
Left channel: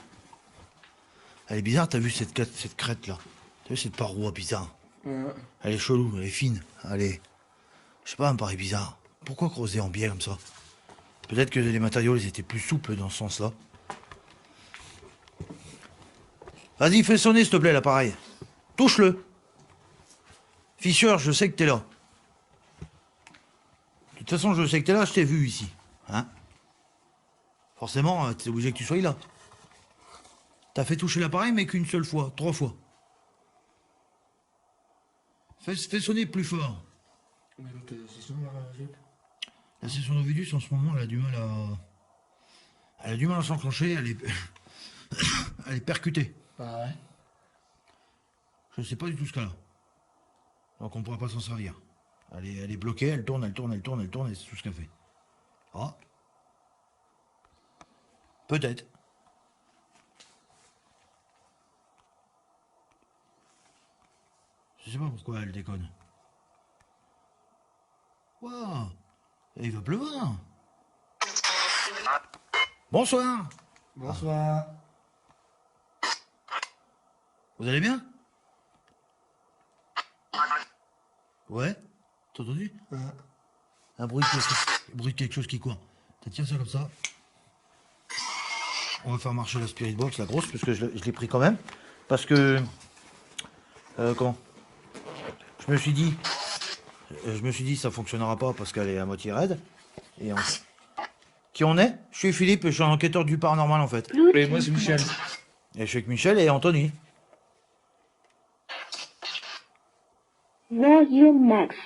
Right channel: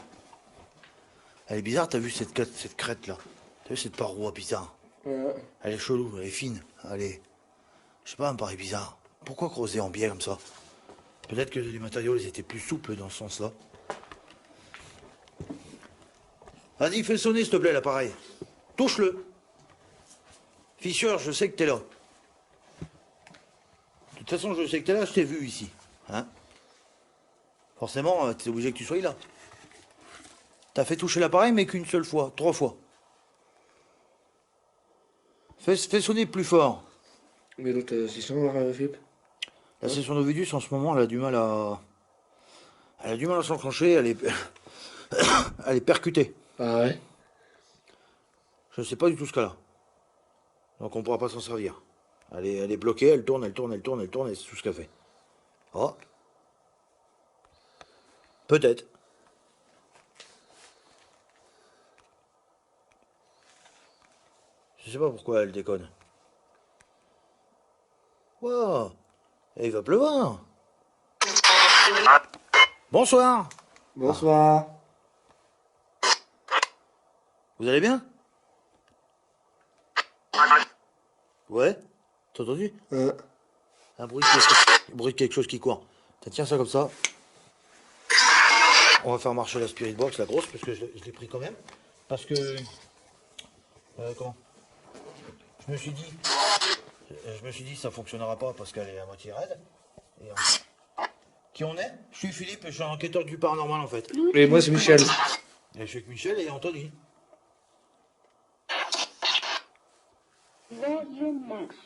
Elle est bizarre, t'as vu cette crête là? T'as vu cette paroi bizarre? Ouais. Elle est chelou, elle est fine. Elle est... Je sais pas, elle me paraît bizarre. Pourquoi creuser en biais comme ça? Peut-être que les matériaux ils étaient plus souples dans ce sens-là. Vas-y, fais sonner, s'il te plaît, l'appareil. Touche-le. Fischer, je sais que t'es là. De toute façon, je sais que t'es là, je t'ai vu ici. Hein? Forcément, t'es obligé que tu sois là. T'as fait toucher l'appareil, mais qu'une seule fois, 3 fois. Fais sonner plus fort. Mais l'autre session, Philippe. La session d'Ovidus, en ce moment, elle a du mal à... Elle a du mal à s'enclencher, elle est... elle est percutée. Ah ouais. Je sais pas du tout ce qu'elle a. Donc on pourra pas s'en servir. Elle est bloquée, elle tourne, et c'est tout ce qu'elle fait. Oh. Peut-être. Je sais pas pourquoi elle déconne. Wow. Et il va pleuvoir. Bonsoir. Bonsoir. Vous allez bien? Ouais. T'as entendu? Un bruit de quelque chose qui court. Tiens ça comme ça. On va faire marcher la Spirit Box, la grosse, parce que je l'ai pris quand même. Parce que... comment? Je me suis dit, ça fonctionnera pas parce qu'elle est à moitié raide. Et Qui on est? Je suis Philippe et je suis un enquêteur du paranormal en fait. Et moi, c'est Michel. Et je suis avec Michel et Anthony. Radio Max.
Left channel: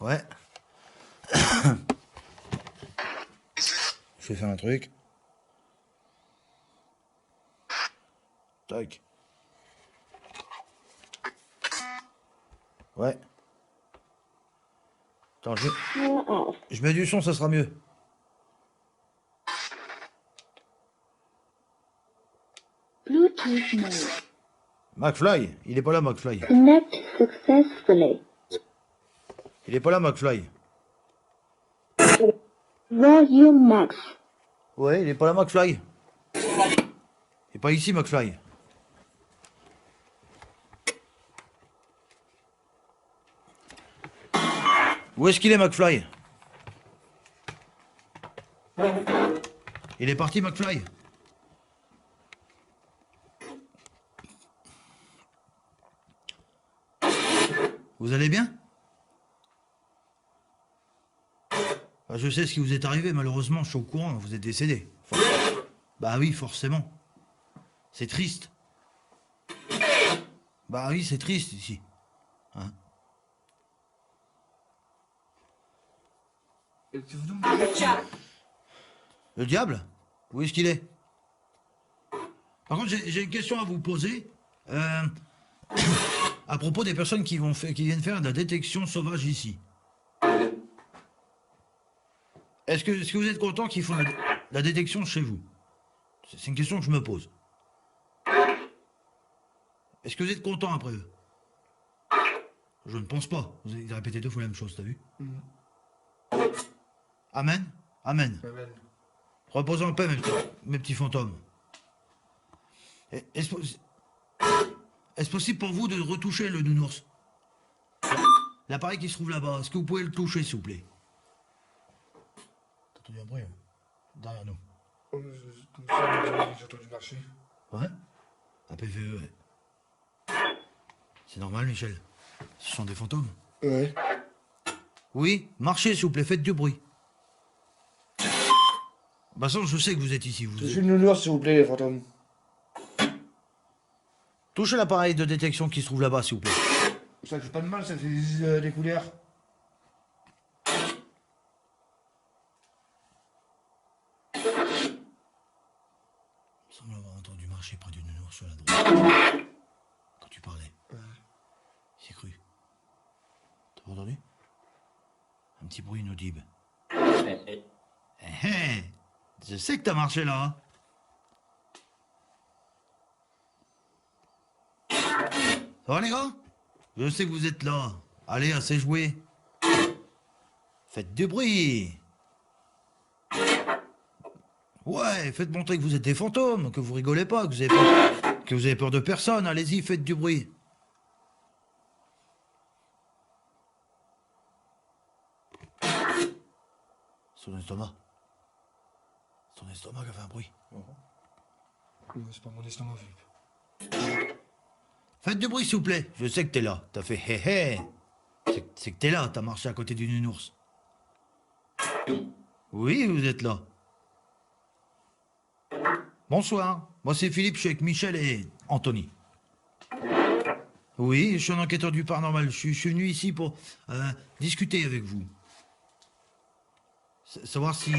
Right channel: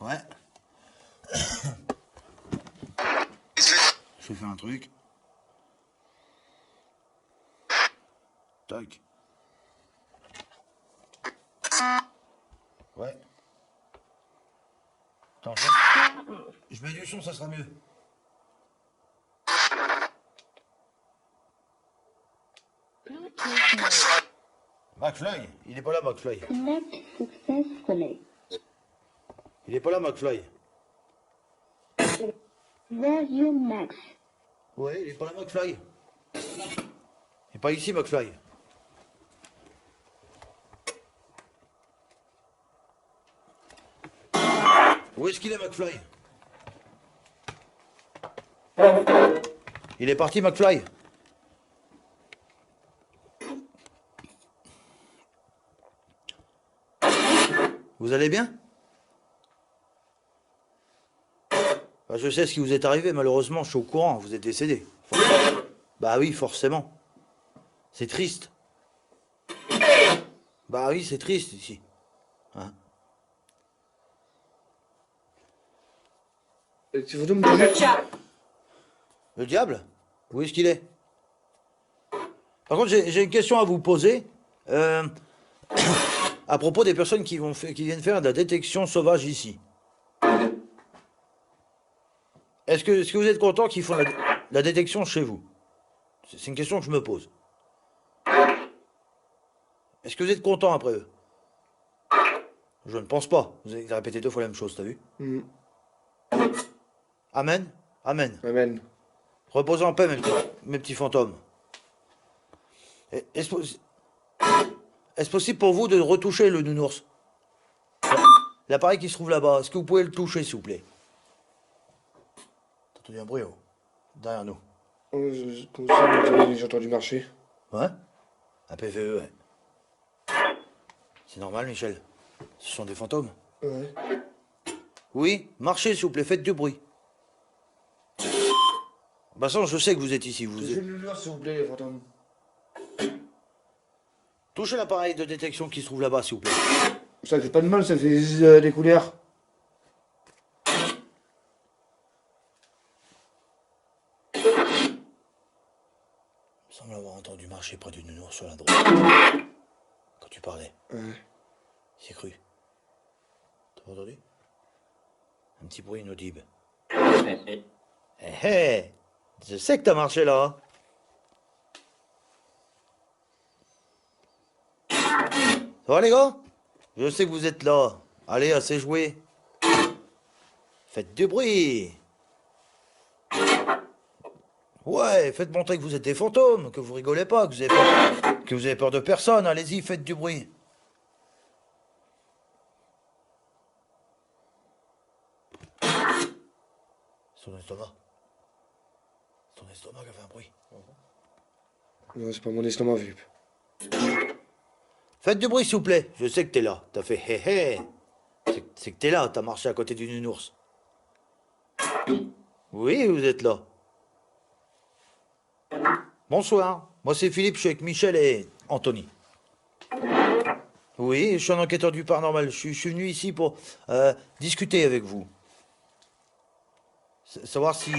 Ouais. Je vais faire un truc. Tac. Ouais. Attends, je mets du son, ça sera mieux. Bluetooth mode. McFly, il est pas là, McFly. Connect successfully. Il est pas là, McFly. Volume max. Ouais, il est pas là, McFly. Il est pas ici, McFly. Où est-ce qu'il est, McFly? Il est parti, McFly. Vous allez bien? Bah, je sais ce qui vous est arrivé, malheureusement, je suis au courant, vous êtes décédé. Bah oui, forcément. C'est triste. Bah oui, c'est triste ici. Hein? Tu veux me dire? Le diable? Où est-ce qu'il est? Par contre, j'ai une question à vous poser. À propos des personnes qui viennent faire de la détection sauvage ici. Est-ce que vous êtes content qu'ils font la détection chez vous? C'est une question que je me pose. Est-ce que vous êtes content après eux? Je ne pense pas. Vous avez répété 2 fois la même chose, t'as vu? Amen? Amen. Amen. Reposez en paix, mes petits fantômes. Est-ce possible pour vous de retoucher le nounours? L'appareil qui se trouve là-bas, est-ce que vous pouvez le toucher, s'il vous plaît? T'as entendu un bruit, oh, derrière nous? Comme ça, j'ai entendu marcher. Ouais? Un PVE, ouais. C'est normal, Michel. Ce sont des fantômes. Ouais. Oui, marchez, s'il vous plaît, faites du bruit. Bah ça, je sais que vous êtes ici. Je suis le nounours, s'il vous plaît, les fantômes. Touchez l'appareil de détection qui se trouve là-bas, s'il vous plaît. Ça fait pas de mal, ça fait des couleurs. Il me semble avoir entendu marcher près du nounours sur la droite. Quand tu parlais. Ouais. J'ai cru. T'as pas entendu? Un petit bruit inaudible. Hé, je sais que t'as marché là. Ça va les gars? Je sais que vous êtes là. Allez, assez joué. Faites du bruit. Ouais, faites montrer que vous êtes des fantômes, que vous rigolez pas, que vous avez peur de personne. Allez-y, faites du bruit. Son estomac. Son estomac a fait un bruit. Non, c'est pas mon estomac, Philippe. Faites du bruit, s'il vous plaît. Je sais que t'es là. T'as fait hé hé. C'est que t'es là, t'as marché à côté du nounours. Oui, vous êtes là. Bonsoir. Moi, c'est Philippe, je suis avec Michel et Anthony. Oui, je suis un enquêteur du paranormal. Je suis venu ici pour discuter avec vous. Savoir si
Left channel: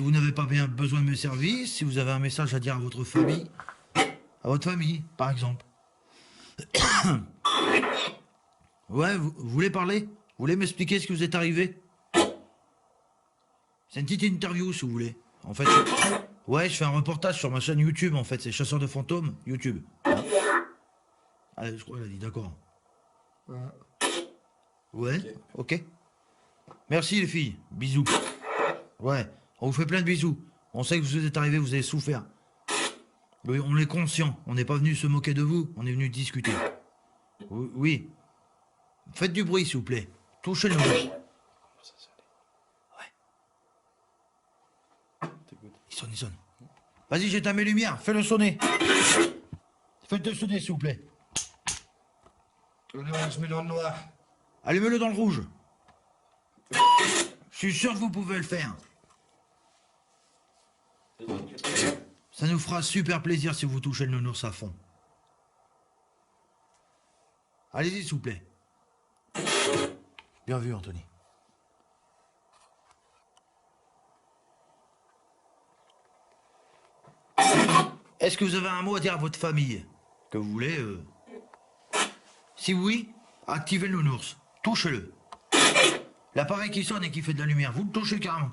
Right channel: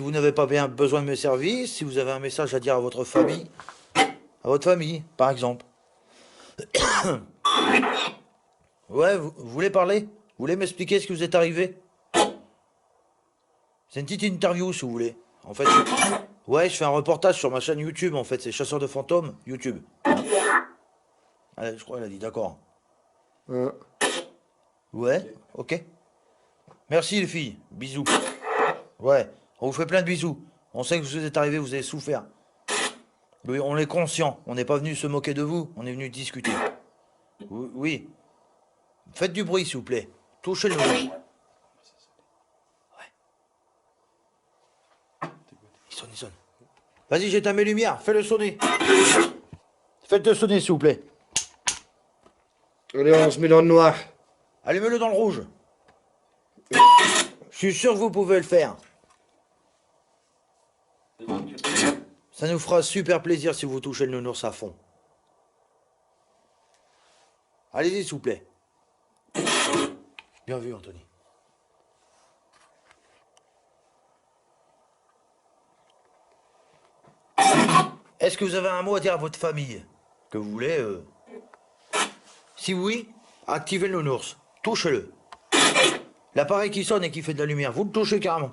vous n'avez pas bien besoin de mes services, si vous avez un message à dire à votre famille. À votre famille, par exemple. Ouais, vous voulez parler? Vous voulez m'expliquer ce qui vous est arrivé? C'est une petite interview, si vous voulez. En fait, ouais, je fais un reportage sur ma chaîne YouTube, en fait. C'est Chasseur de fantômes, YouTube. Allez, je crois qu'elle a dit d'accord. Ouais, ok. Merci les filles, bisous. Ouais, on vous fait plein de bisous. On sait que vous êtes arrivés, vous avez souffert. Oui, on est conscient, on n'est pas venu se moquer de vous, on est venu discuter. Oui. Faites du bruit, s'il vous plaît. Touchez le mur. Ouais. Il sonne. Vas-y, j'éteins mes lumières, fais-le sonner. Faites-le sonner, s'il vous plaît. Allez, on se met dans le noir. Allumez-le dans le rouge. Je suis sûr que vous pouvez le faire. Ça nous fera super plaisir si vous touchez le nounours à fond. Allez-y, s'il vous plaît. Bien vu, Anthony. Est-ce que vous avez un mot à dire à votre famille? Que vous voulez Si oui, activez le nounours. Touchez-le. L'appareil qui sonne et qui fait de la lumière, vous le touchez carrément.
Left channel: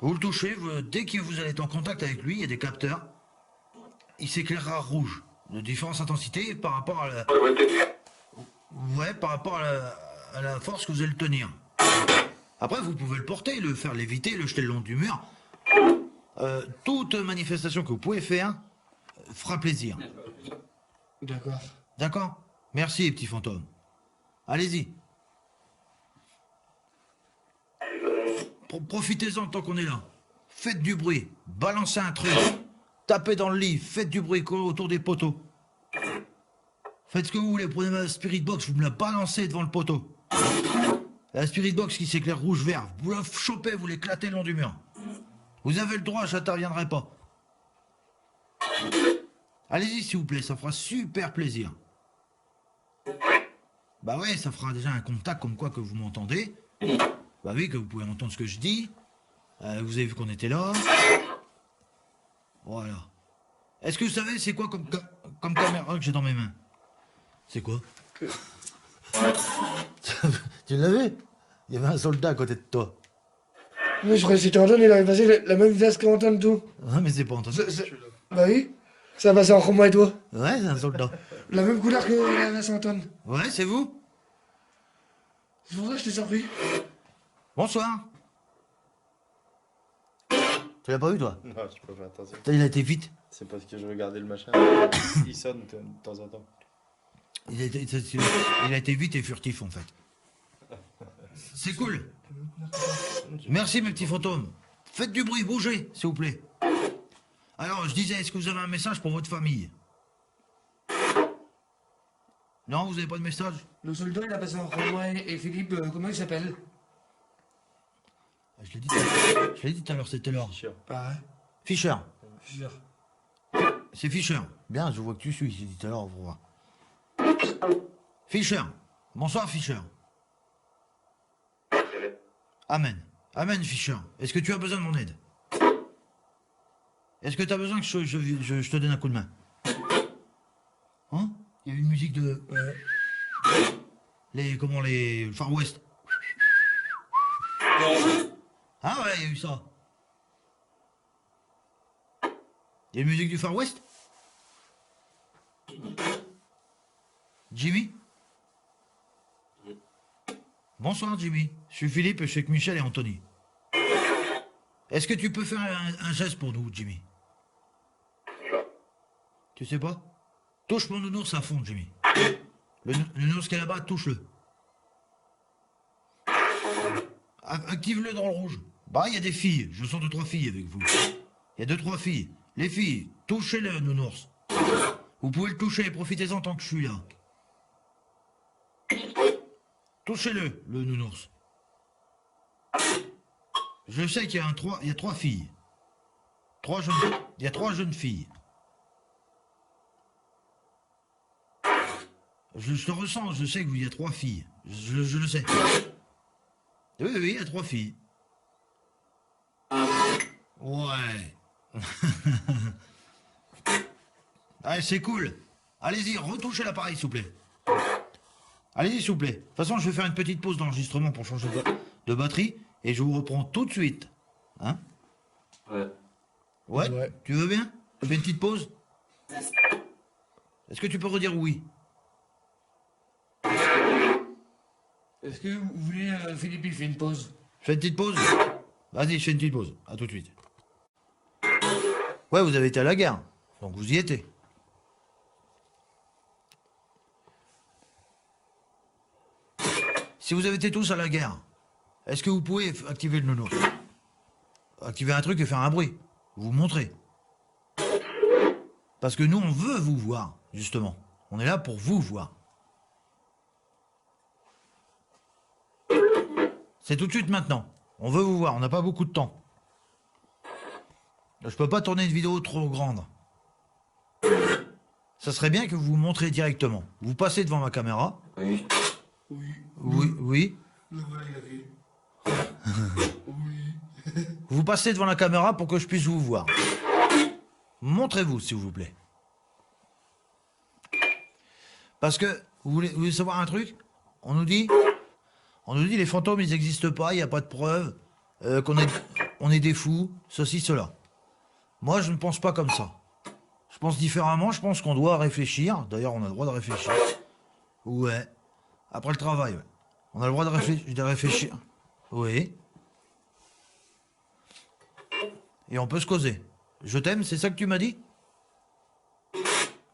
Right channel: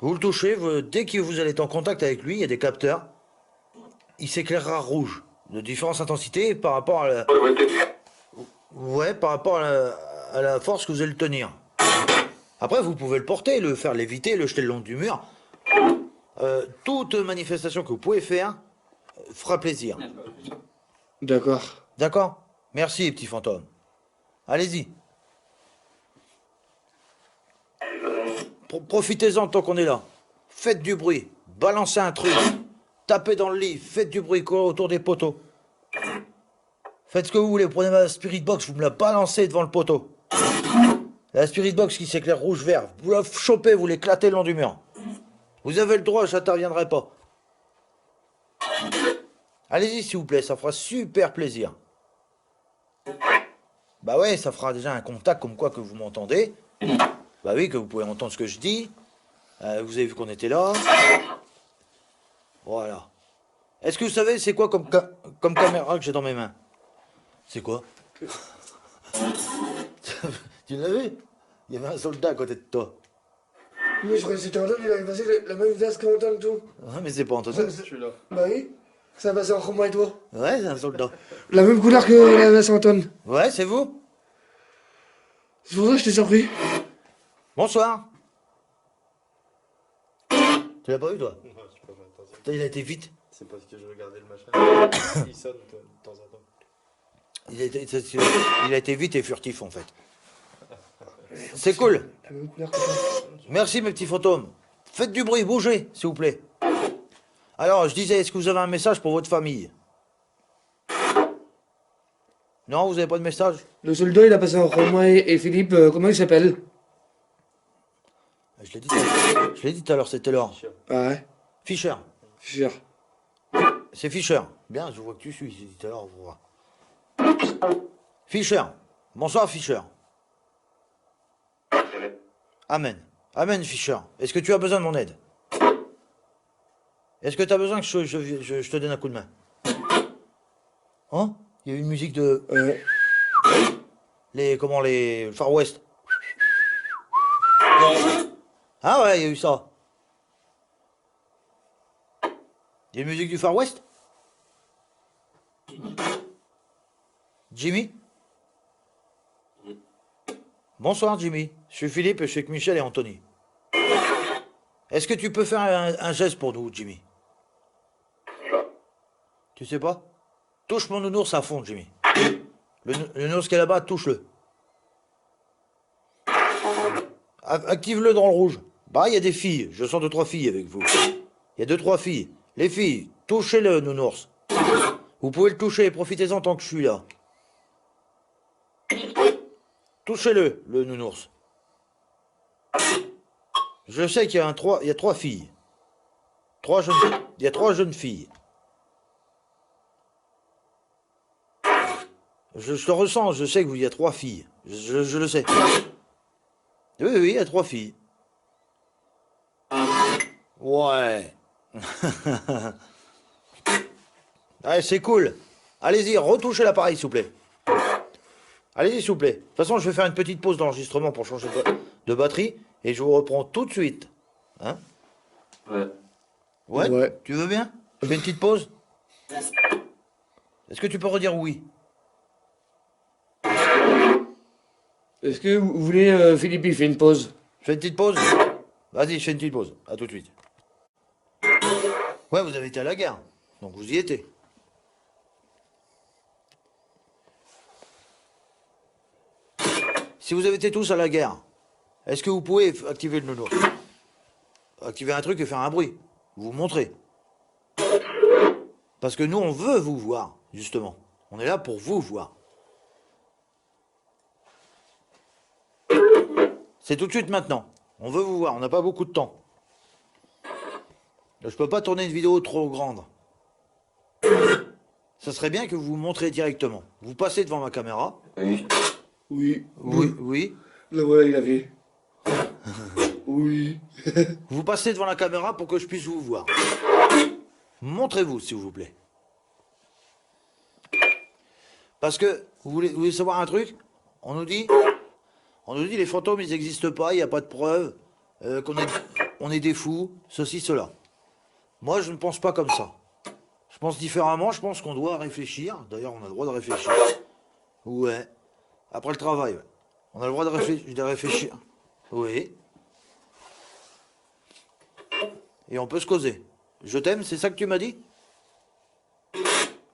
Vous le touchez, dès que vous allez être en contact avec lui, il y a des capteurs. Il s'éclairera rouge, de différentes intensités par rapport à la... Ouais, par rapport à la force que vous allez le tenir. Après, vous pouvez le porter, le faire léviter, le jeter le long du mur. Toute manifestation que vous pouvez faire fera plaisir. D'accord. D'accord? Merci, les petits fantômes. Allez-y. Profitez-en tant qu'on est là. Faites du bruit. Balancez un truc. Tapez dans le lit. Faites du bruit autour des poteaux. Faites ce que vous voulez. Prenez ma spirit box, vous me la balancez devant le poteau. La spirit box qui s'éclaire rouge-vert. Vous la chopez, vous l'éclatez le long du mur. Vous avez le droit, j'interviendrai pas. Allez-y, s'il vous plaît, ça fera super plaisir. Bah ouais, ça fera déjà un contact comme quoi que vous m'entendez. Bah oui, que vous pouvez entendre ce que je dis. Vous avez vu qu'on était là. Voilà. Est-ce que vous savez c'est quoi comme caméra que j'ai dans mes mains? C'est quoi? Tu l'avais? Il y avait un soldat à côté de toi. Mais je croyais que c'était Antoine, il avait passé la même veste qu'Antoine, tout. Ouais, mais c'est pas Antoine. Je suis là. Bah oui. Ça a passé entre moi et toi. Ouais, c'est un soldat. La même couleur que la veste Antoine. Ouais, c'est vous? C'est pour ça que je t'ai surpris. Bonsoir. Tu l'as pas vu, toi? Non, je peux pas faire attention. Putain, il a été vite. C'est parce que je regardais le machin. Il sonne de temps en temps. Il a été vite et furtif, en fait. C'est cool. La même couleur que toi. Merci, mes petits fantômes. Faites du bruit, bougez, s'il vous plaît. Alors, je disais, est-ce que vous avez un message pour votre famille? Non, vous avez pas de message? Le soldat, il a passé entre moi et Philippe. Comment il s'appelle? Je l'ai dit tout à l'heure, c'était l'heure. Chiant. Ah ouais. Fischer. Fischer. C'est Fischer. Bien, je vois que tu suis, j'ai dit tout à l'heure, on va voir. Fischer. Bonsoir, Fischer. Amen. Amen, Fischer. Est-ce que tu as besoin de mon aide? Est-ce que tu as besoin que je te donne un coup de main? Hein? Il y a eu une musique de... les Far West. Ah ouais, il y a eu ça. Il y a une musique du Far West? Jimmy? Bonsoir, Jimmy. Je suis Philippe et je suis avec Michel et Anthony. Est-ce que tu peux faire un geste pour nous, Jimmy? Tu sais pas? Touche mon nounours à fond, Jimmy. Le nounours qui est là-bas, touche-le. Active-le dans le rouge. Bah, il y a des filles. Je sens 2-3 filles avec vous. Il y a 2-3 filles. Les filles, touchez-le, nounours. Vous pouvez le toucher, profitez-en tant que je suis là. Touchez-le, le nounours. Je sais qu'il y a il y a 3 filles. Il y a 3 jeunes filles. Je le ressens, je sais qu'il y a 3 filles. Je le sais. Oui, oui, il y a 3 filles. Ouais. Allez, c'est cool. Allez-y, retouchez l'appareil, s'il vous plaît. Allez-y, s'il vous plaît. De toute façon, je vais faire une petite pause d'enregistrement pour changer de batterie. Et je vous reprends tout de suite. Hein? Ouais. Ouais, Ouais. Tu veux bien? Je fais une petite pause? Est-ce que tu peux redire oui? Est-ce que vous voulez, Philippe, il fait une pause? Je fais une petite pause? Vas-y, je fais une petite pause. À tout de suite. Ouais, vous avez été à la guerre. Donc vous y étiez. Si vous avez été tous à la guerre, est-ce que vous pouvez activer le nounours? Activer un truc et faire un bruit. Vous montrez. Parce que nous, on veut vous voir, justement. On est là pour vous voir. C'est tout de suite maintenant. On veut vous voir, on n'a pas beaucoup de temps. Je peux pas tourner une vidéo trop grande. Ça serait bien que vous vous montrez directement. Vous passez devant ma caméra. Oui. Oui. Oui, oui. Le voilà, il a fait. Oui. Vous passez devant la caméra pour que je puisse vous voir. Montrez-vous, s'il vous plaît. Parce que, vous voulez savoir un truc? On nous dit les fantômes, ils n'existent pas, il n'y a pas de preuves, on est des fous, ceci, cela. Moi, je ne pense pas comme ça. Je pense différemment, je pense qu'on doit réfléchir. D'ailleurs, on a le droit de réfléchir. Ouais. Après le travail, ouais. On a le droit de réfléchir. Oui. Et on peut se causer. Je t'aime, c'est ça que tu m'as dit?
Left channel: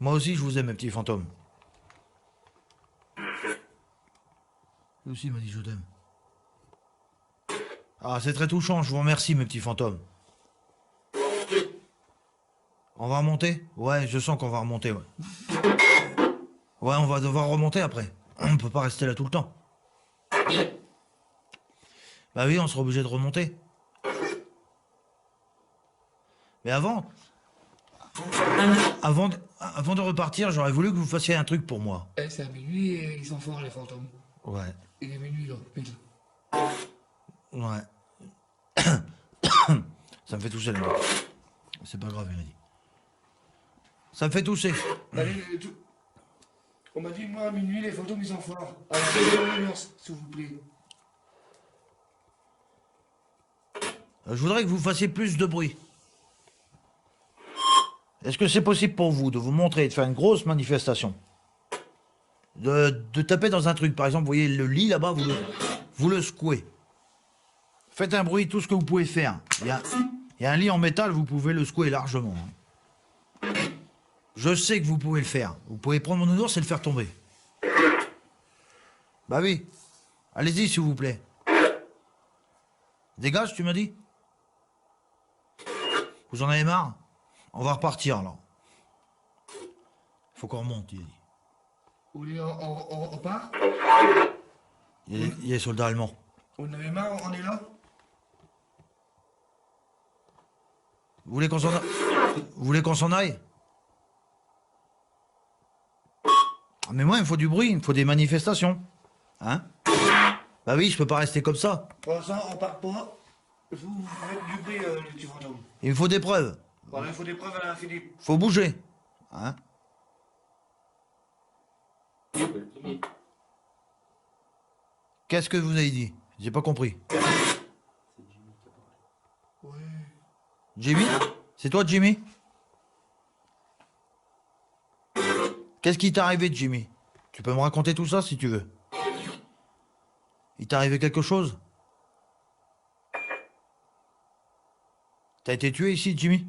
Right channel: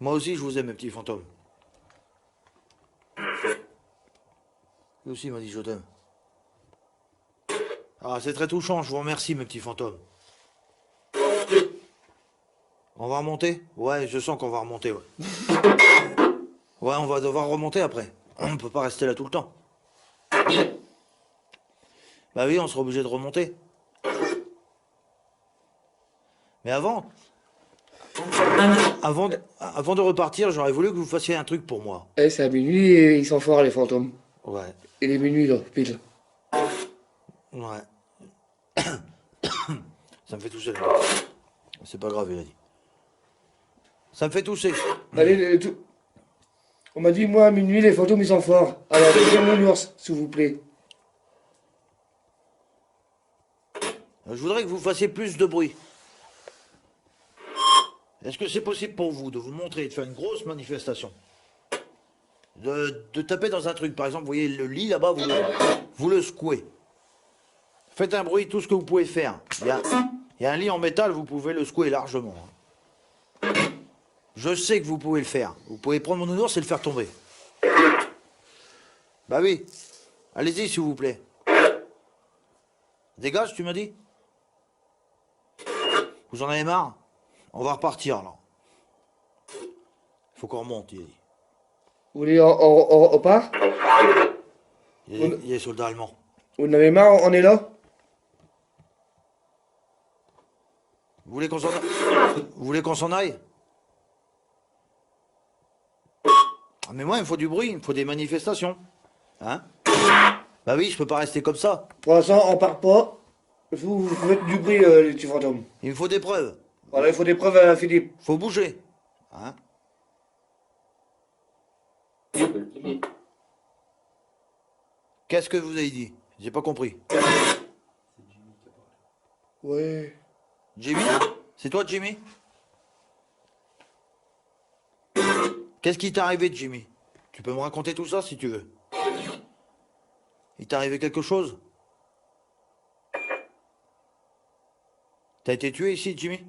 Moi aussi, je vous aime, mes petits fantômes. Lui aussi m'a dit je t'aime. Ah, c'est très touchant, je vous remercie, mes petits fantômes. On va remonter? Ouais, je sens qu'on va remonter, ouais. Ouais, on va devoir remonter après. On ne peut pas rester là tout le temps. Bah oui, on sera obligé de remonter. Mais avant de repartir, j'aurais voulu que vous fassiez un truc pour moi. Eh, c'est à minuit et ils sont forts, les fantômes. Ouais, Il est minuit, là, pile. ouais. Ça me fait tousser, là. C'est pas grave, il a dit. Ça me fait tousser. Allez, on m'a dit, moi, à minuit, les fantômes, ils sont forts. Alors, donnez-moi l'ours, s'il vous plaît. Je voudrais que vous fassiez plus de bruit. Est-ce que c'est possible pour vous de vous montrer, de faire une grosse manifestation? De taper dans un truc, par exemple, vous voyez le lit là-bas, vous le secouez. Faites un bruit, tout ce que vous pouvez faire. Il y a un lit en métal, vous pouvez le secouer largement. Je sais que vous pouvez le faire. Vous pouvez prendre mon nounours et le faire tomber. Bah oui. Allez-y, s'il vous plaît. Dégage, tu m'as dit? Vous en avez marre? On va repartir, alors. Faut qu'on remonte, il a dit. Vous voulez, on part? Il y a les soldats allemands. Vous en avez marre, on est là? Vous voulez qu'on s'en aille? Mais moi, il me faut du bruit, il me faut des manifestations. Hein? Bah oui, je peux pas rester comme ça. Pour l'instant, on part pas. Vous faites du bruit, les petits fantômes. Il me faut des preuves. Voilà, il faut des preuves à Philippe. Faut bouger. Hein? Qu'est-ce que vous avez dit? J'ai pas compris. Ouais. Jimmy? C'est toi, Jimmy? Qu'est-ce qui t'est arrivé, Jimmy? Tu peux me raconter tout ça si tu veux. Il t'est arrivé quelque chose? T'as été tué ici, Jimmy?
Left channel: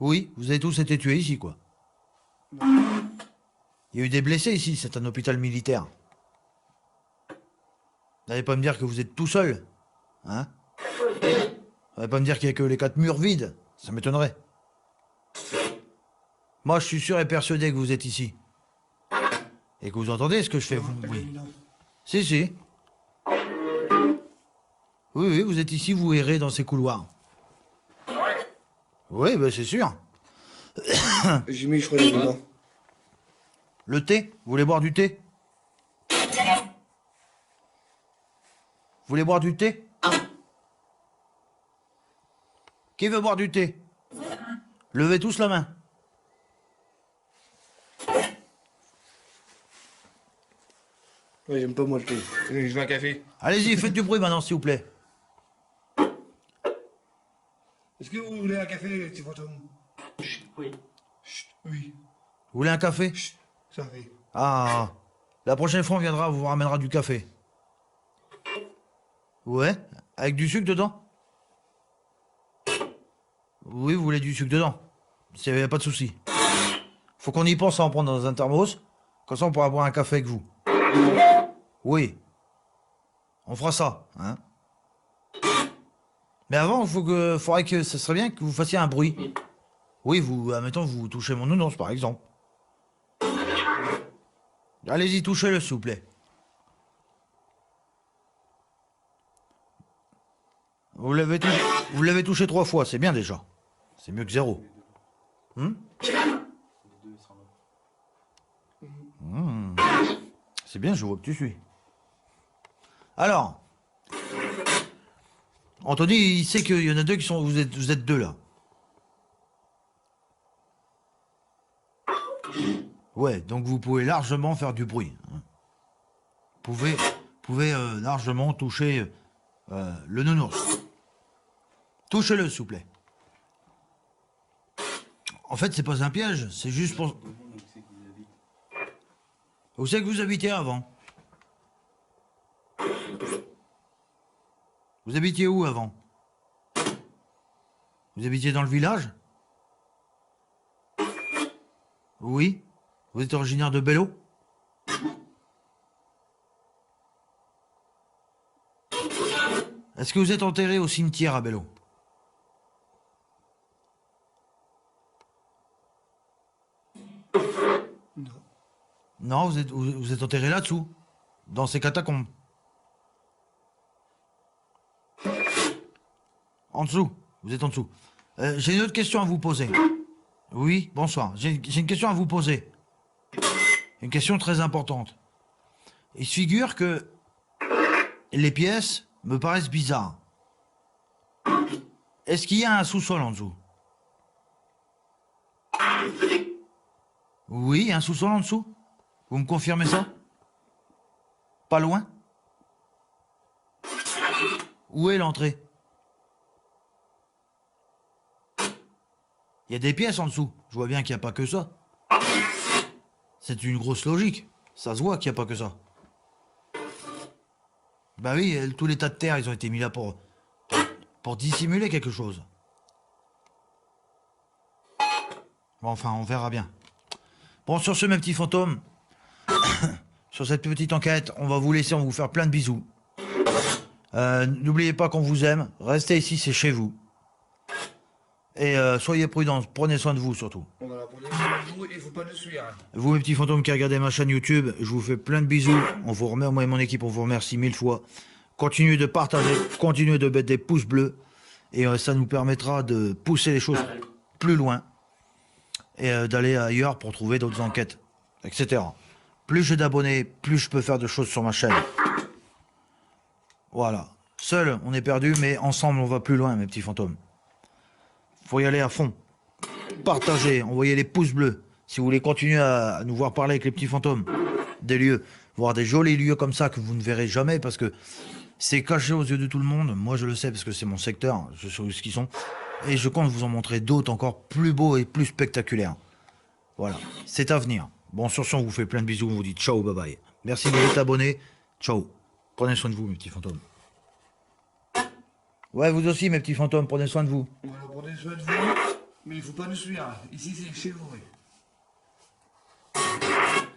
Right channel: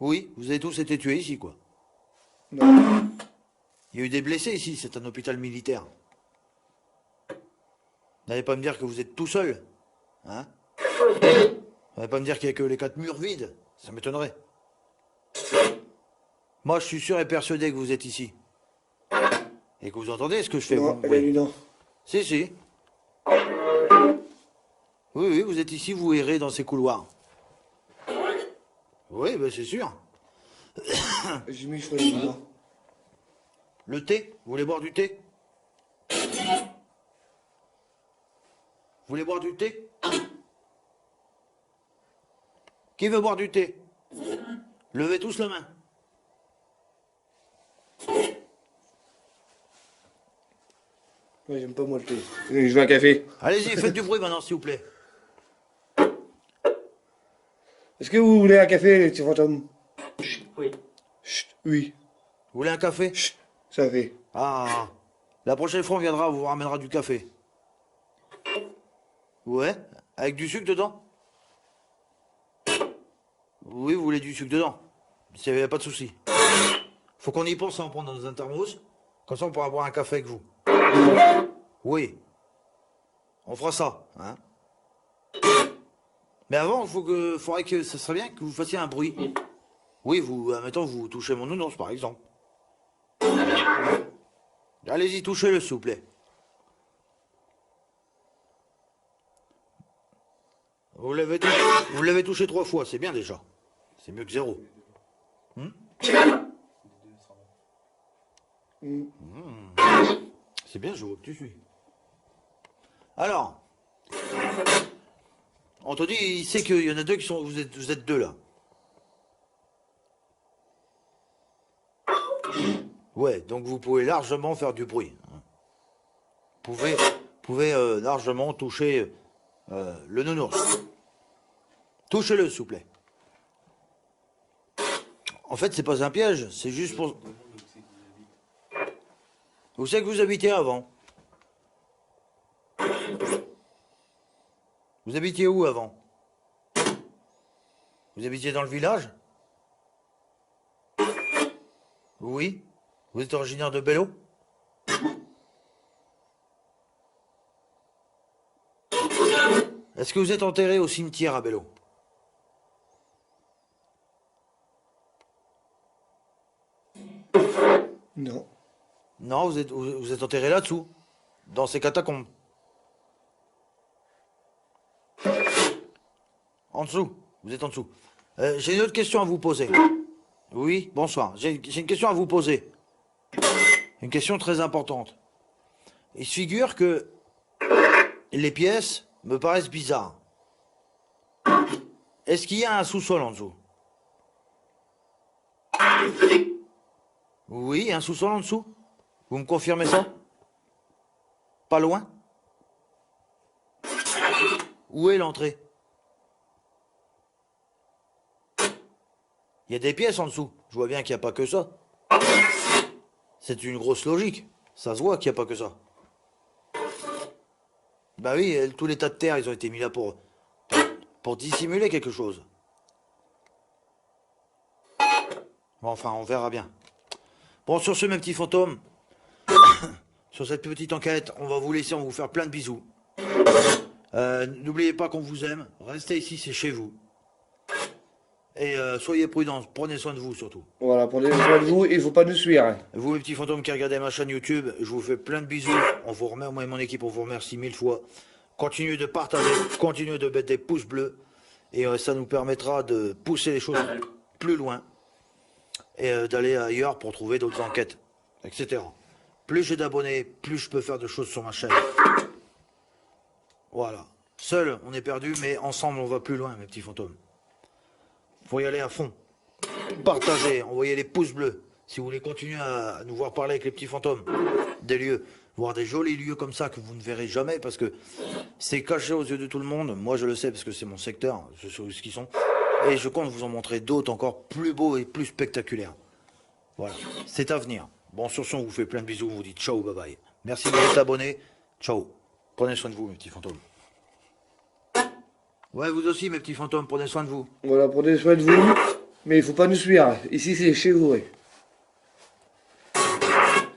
Oui, vous avez tous été tués ici, quoi. Non. Il y a eu des blessés ici, c'est un hôpital militaire. N'allez pas me dire que vous êtes tout seul, hein? N'allez pas me dire qu'il n'y a que les 4 murs vides. Ça m'étonnerait. Moi, je suis sûr et persuadé que vous êtes ici. Et que vous entendez ce que je fais. Non, elle a dit non. Si, si. Oui, oui, vous êtes ici, vous errez dans ces couloirs. Oui, ben c'est sûr. J'ai mis, je crois, elle a dit non. Le thé? Vous voulez boire du thé? Vous voulez boire du thé? Qui veut boire du thé? Levez tous la main. Ouais, j'aime pas moi le thé. Je veux un café. Allez-y, faites du bruit maintenant, s'il vous plaît. Est-ce que vous voulez un café, les petits fantômes? Oui. Chut, oui. Vous voulez un café? Chut, ça fait. Ah, la prochaine fois on viendra, on vous ramènera du café. Ouais, avec du sucre dedans? Oui, vous voulez du sucre dedans. Il n'y a pas de souci. Faut qu'on y pense à en prendre dans un thermos. Comme ça, on pourra boire un café avec vous. Oui. On fera ça, hein. Mais avant, faudrait que ça serait bien que vous fassiez un bruit. Oui, vous, admettons, vous touchez mon nounours, par exemple. Allez-y, touchez-le, s'il vous plaît. Vous l'avez touché 3 fois, c'est bien déjà. C'est mieux que 0. C'est bien, je vois que tu suis. Alors, Anthony, il sait qu'il y en a 2 qui sont... Vous êtes 2 là. Ouais, donc vous pouvez largement faire du bruit. Vous pouvez largement toucher le nounours. Touchez-le, s'il vous plaît. En fait, c'est pas un piège, c'est juste pour... Où c'est que vous habitiez avant? Vous habitiez où avant? Vous habitiez dans le village? Oui. Vous êtes originaire de Bello? Est-ce que vous êtes enterré au cimetière à Bello? Non. Non, vous êtes enterré là-dessous, dans ces catacombes. En dessous, vous êtes en dessous. J'ai une autre question à vous poser. Oui, bonsoir. J'ai une question à vous poser. Une question très importante. Il se figure que les pièces me paraissent bizarres. Est-ce qu'il y a un sous-sol en dessous? Oui, un sous-sol en dessous? Vous me confirmez ça? Pas loin? Où est l'entrée? Il y a des pièces en dessous. Je vois bien qu'il n'y a pas que ça. C'est une grosse logique. Ça se voit qu'il n'y a pas que ça. Bah oui, tous les tas de terre, ils ont été mis là pour dissimuler quelque chose. Bon, enfin, on verra bien. Bon, sur ce, mes petits fantômes, sur cette petite enquête, on va vous laisser, on va vous faire plein de bisous. N'oubliez pas qu'on vous aime. Restez ici, c'est chez vous. Et soyez prudents, prenez soin de vous surtout. Voilà, prenez soin de vous, il faut pas nous suivre. Vous, mes petits fantômes qui regardez ma chaîne YouTube, je vous fais plein de bisous. On vous remet, moi et mon équipe, on vous remercie 1000 fois. Continuez de partager, continuez de mettre des pouces bleus. Et ça nous permettra de pousser les choses plus loin. Et d'aller ailleurs pour trouver d'autres enquêtes, etc. Plus j'ai d'abonnés, plus je peux faire de choses sur ma chaîne. Voilà. Seul, on est perdu, mais ensemble, on va plus loin, mes petits fantômes. Faut y aller à fond. Partagez, envoyez les pouces bleus. Si vous voulez continuer à nous voir parler avec les petits fantômes, des lieux, voir des jolis lieux comme ça que vous ne verrez jamais parce que c'est caché aux yeux de tout le monde. Moi, je le sais parce que c'est mon secteur, je sais où ce qu'ils sont. Et je compte vous en montrer d'autres encore plus beaux et plus spectaculaires. Voilà, c'est à venir. Bon, sur ce, on vous fait plein de bisous, on vous dit ciao, bye bye. Merci de vous être abonnés. Ciao. Prenez soin de vous, mes petits fantômes. Ouais, vous aussi, mes petits fantômes, prenez soin de vous. Voilà, prenez soin de vous, mais il faut pas nous suivre. Ici, c'est chez vous. Ouais.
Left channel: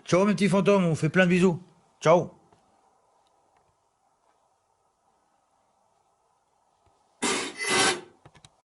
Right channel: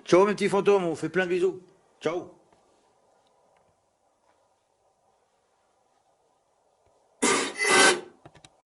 Ciao, mes petits fantômes, on vous fait plein de bisous. Ciao.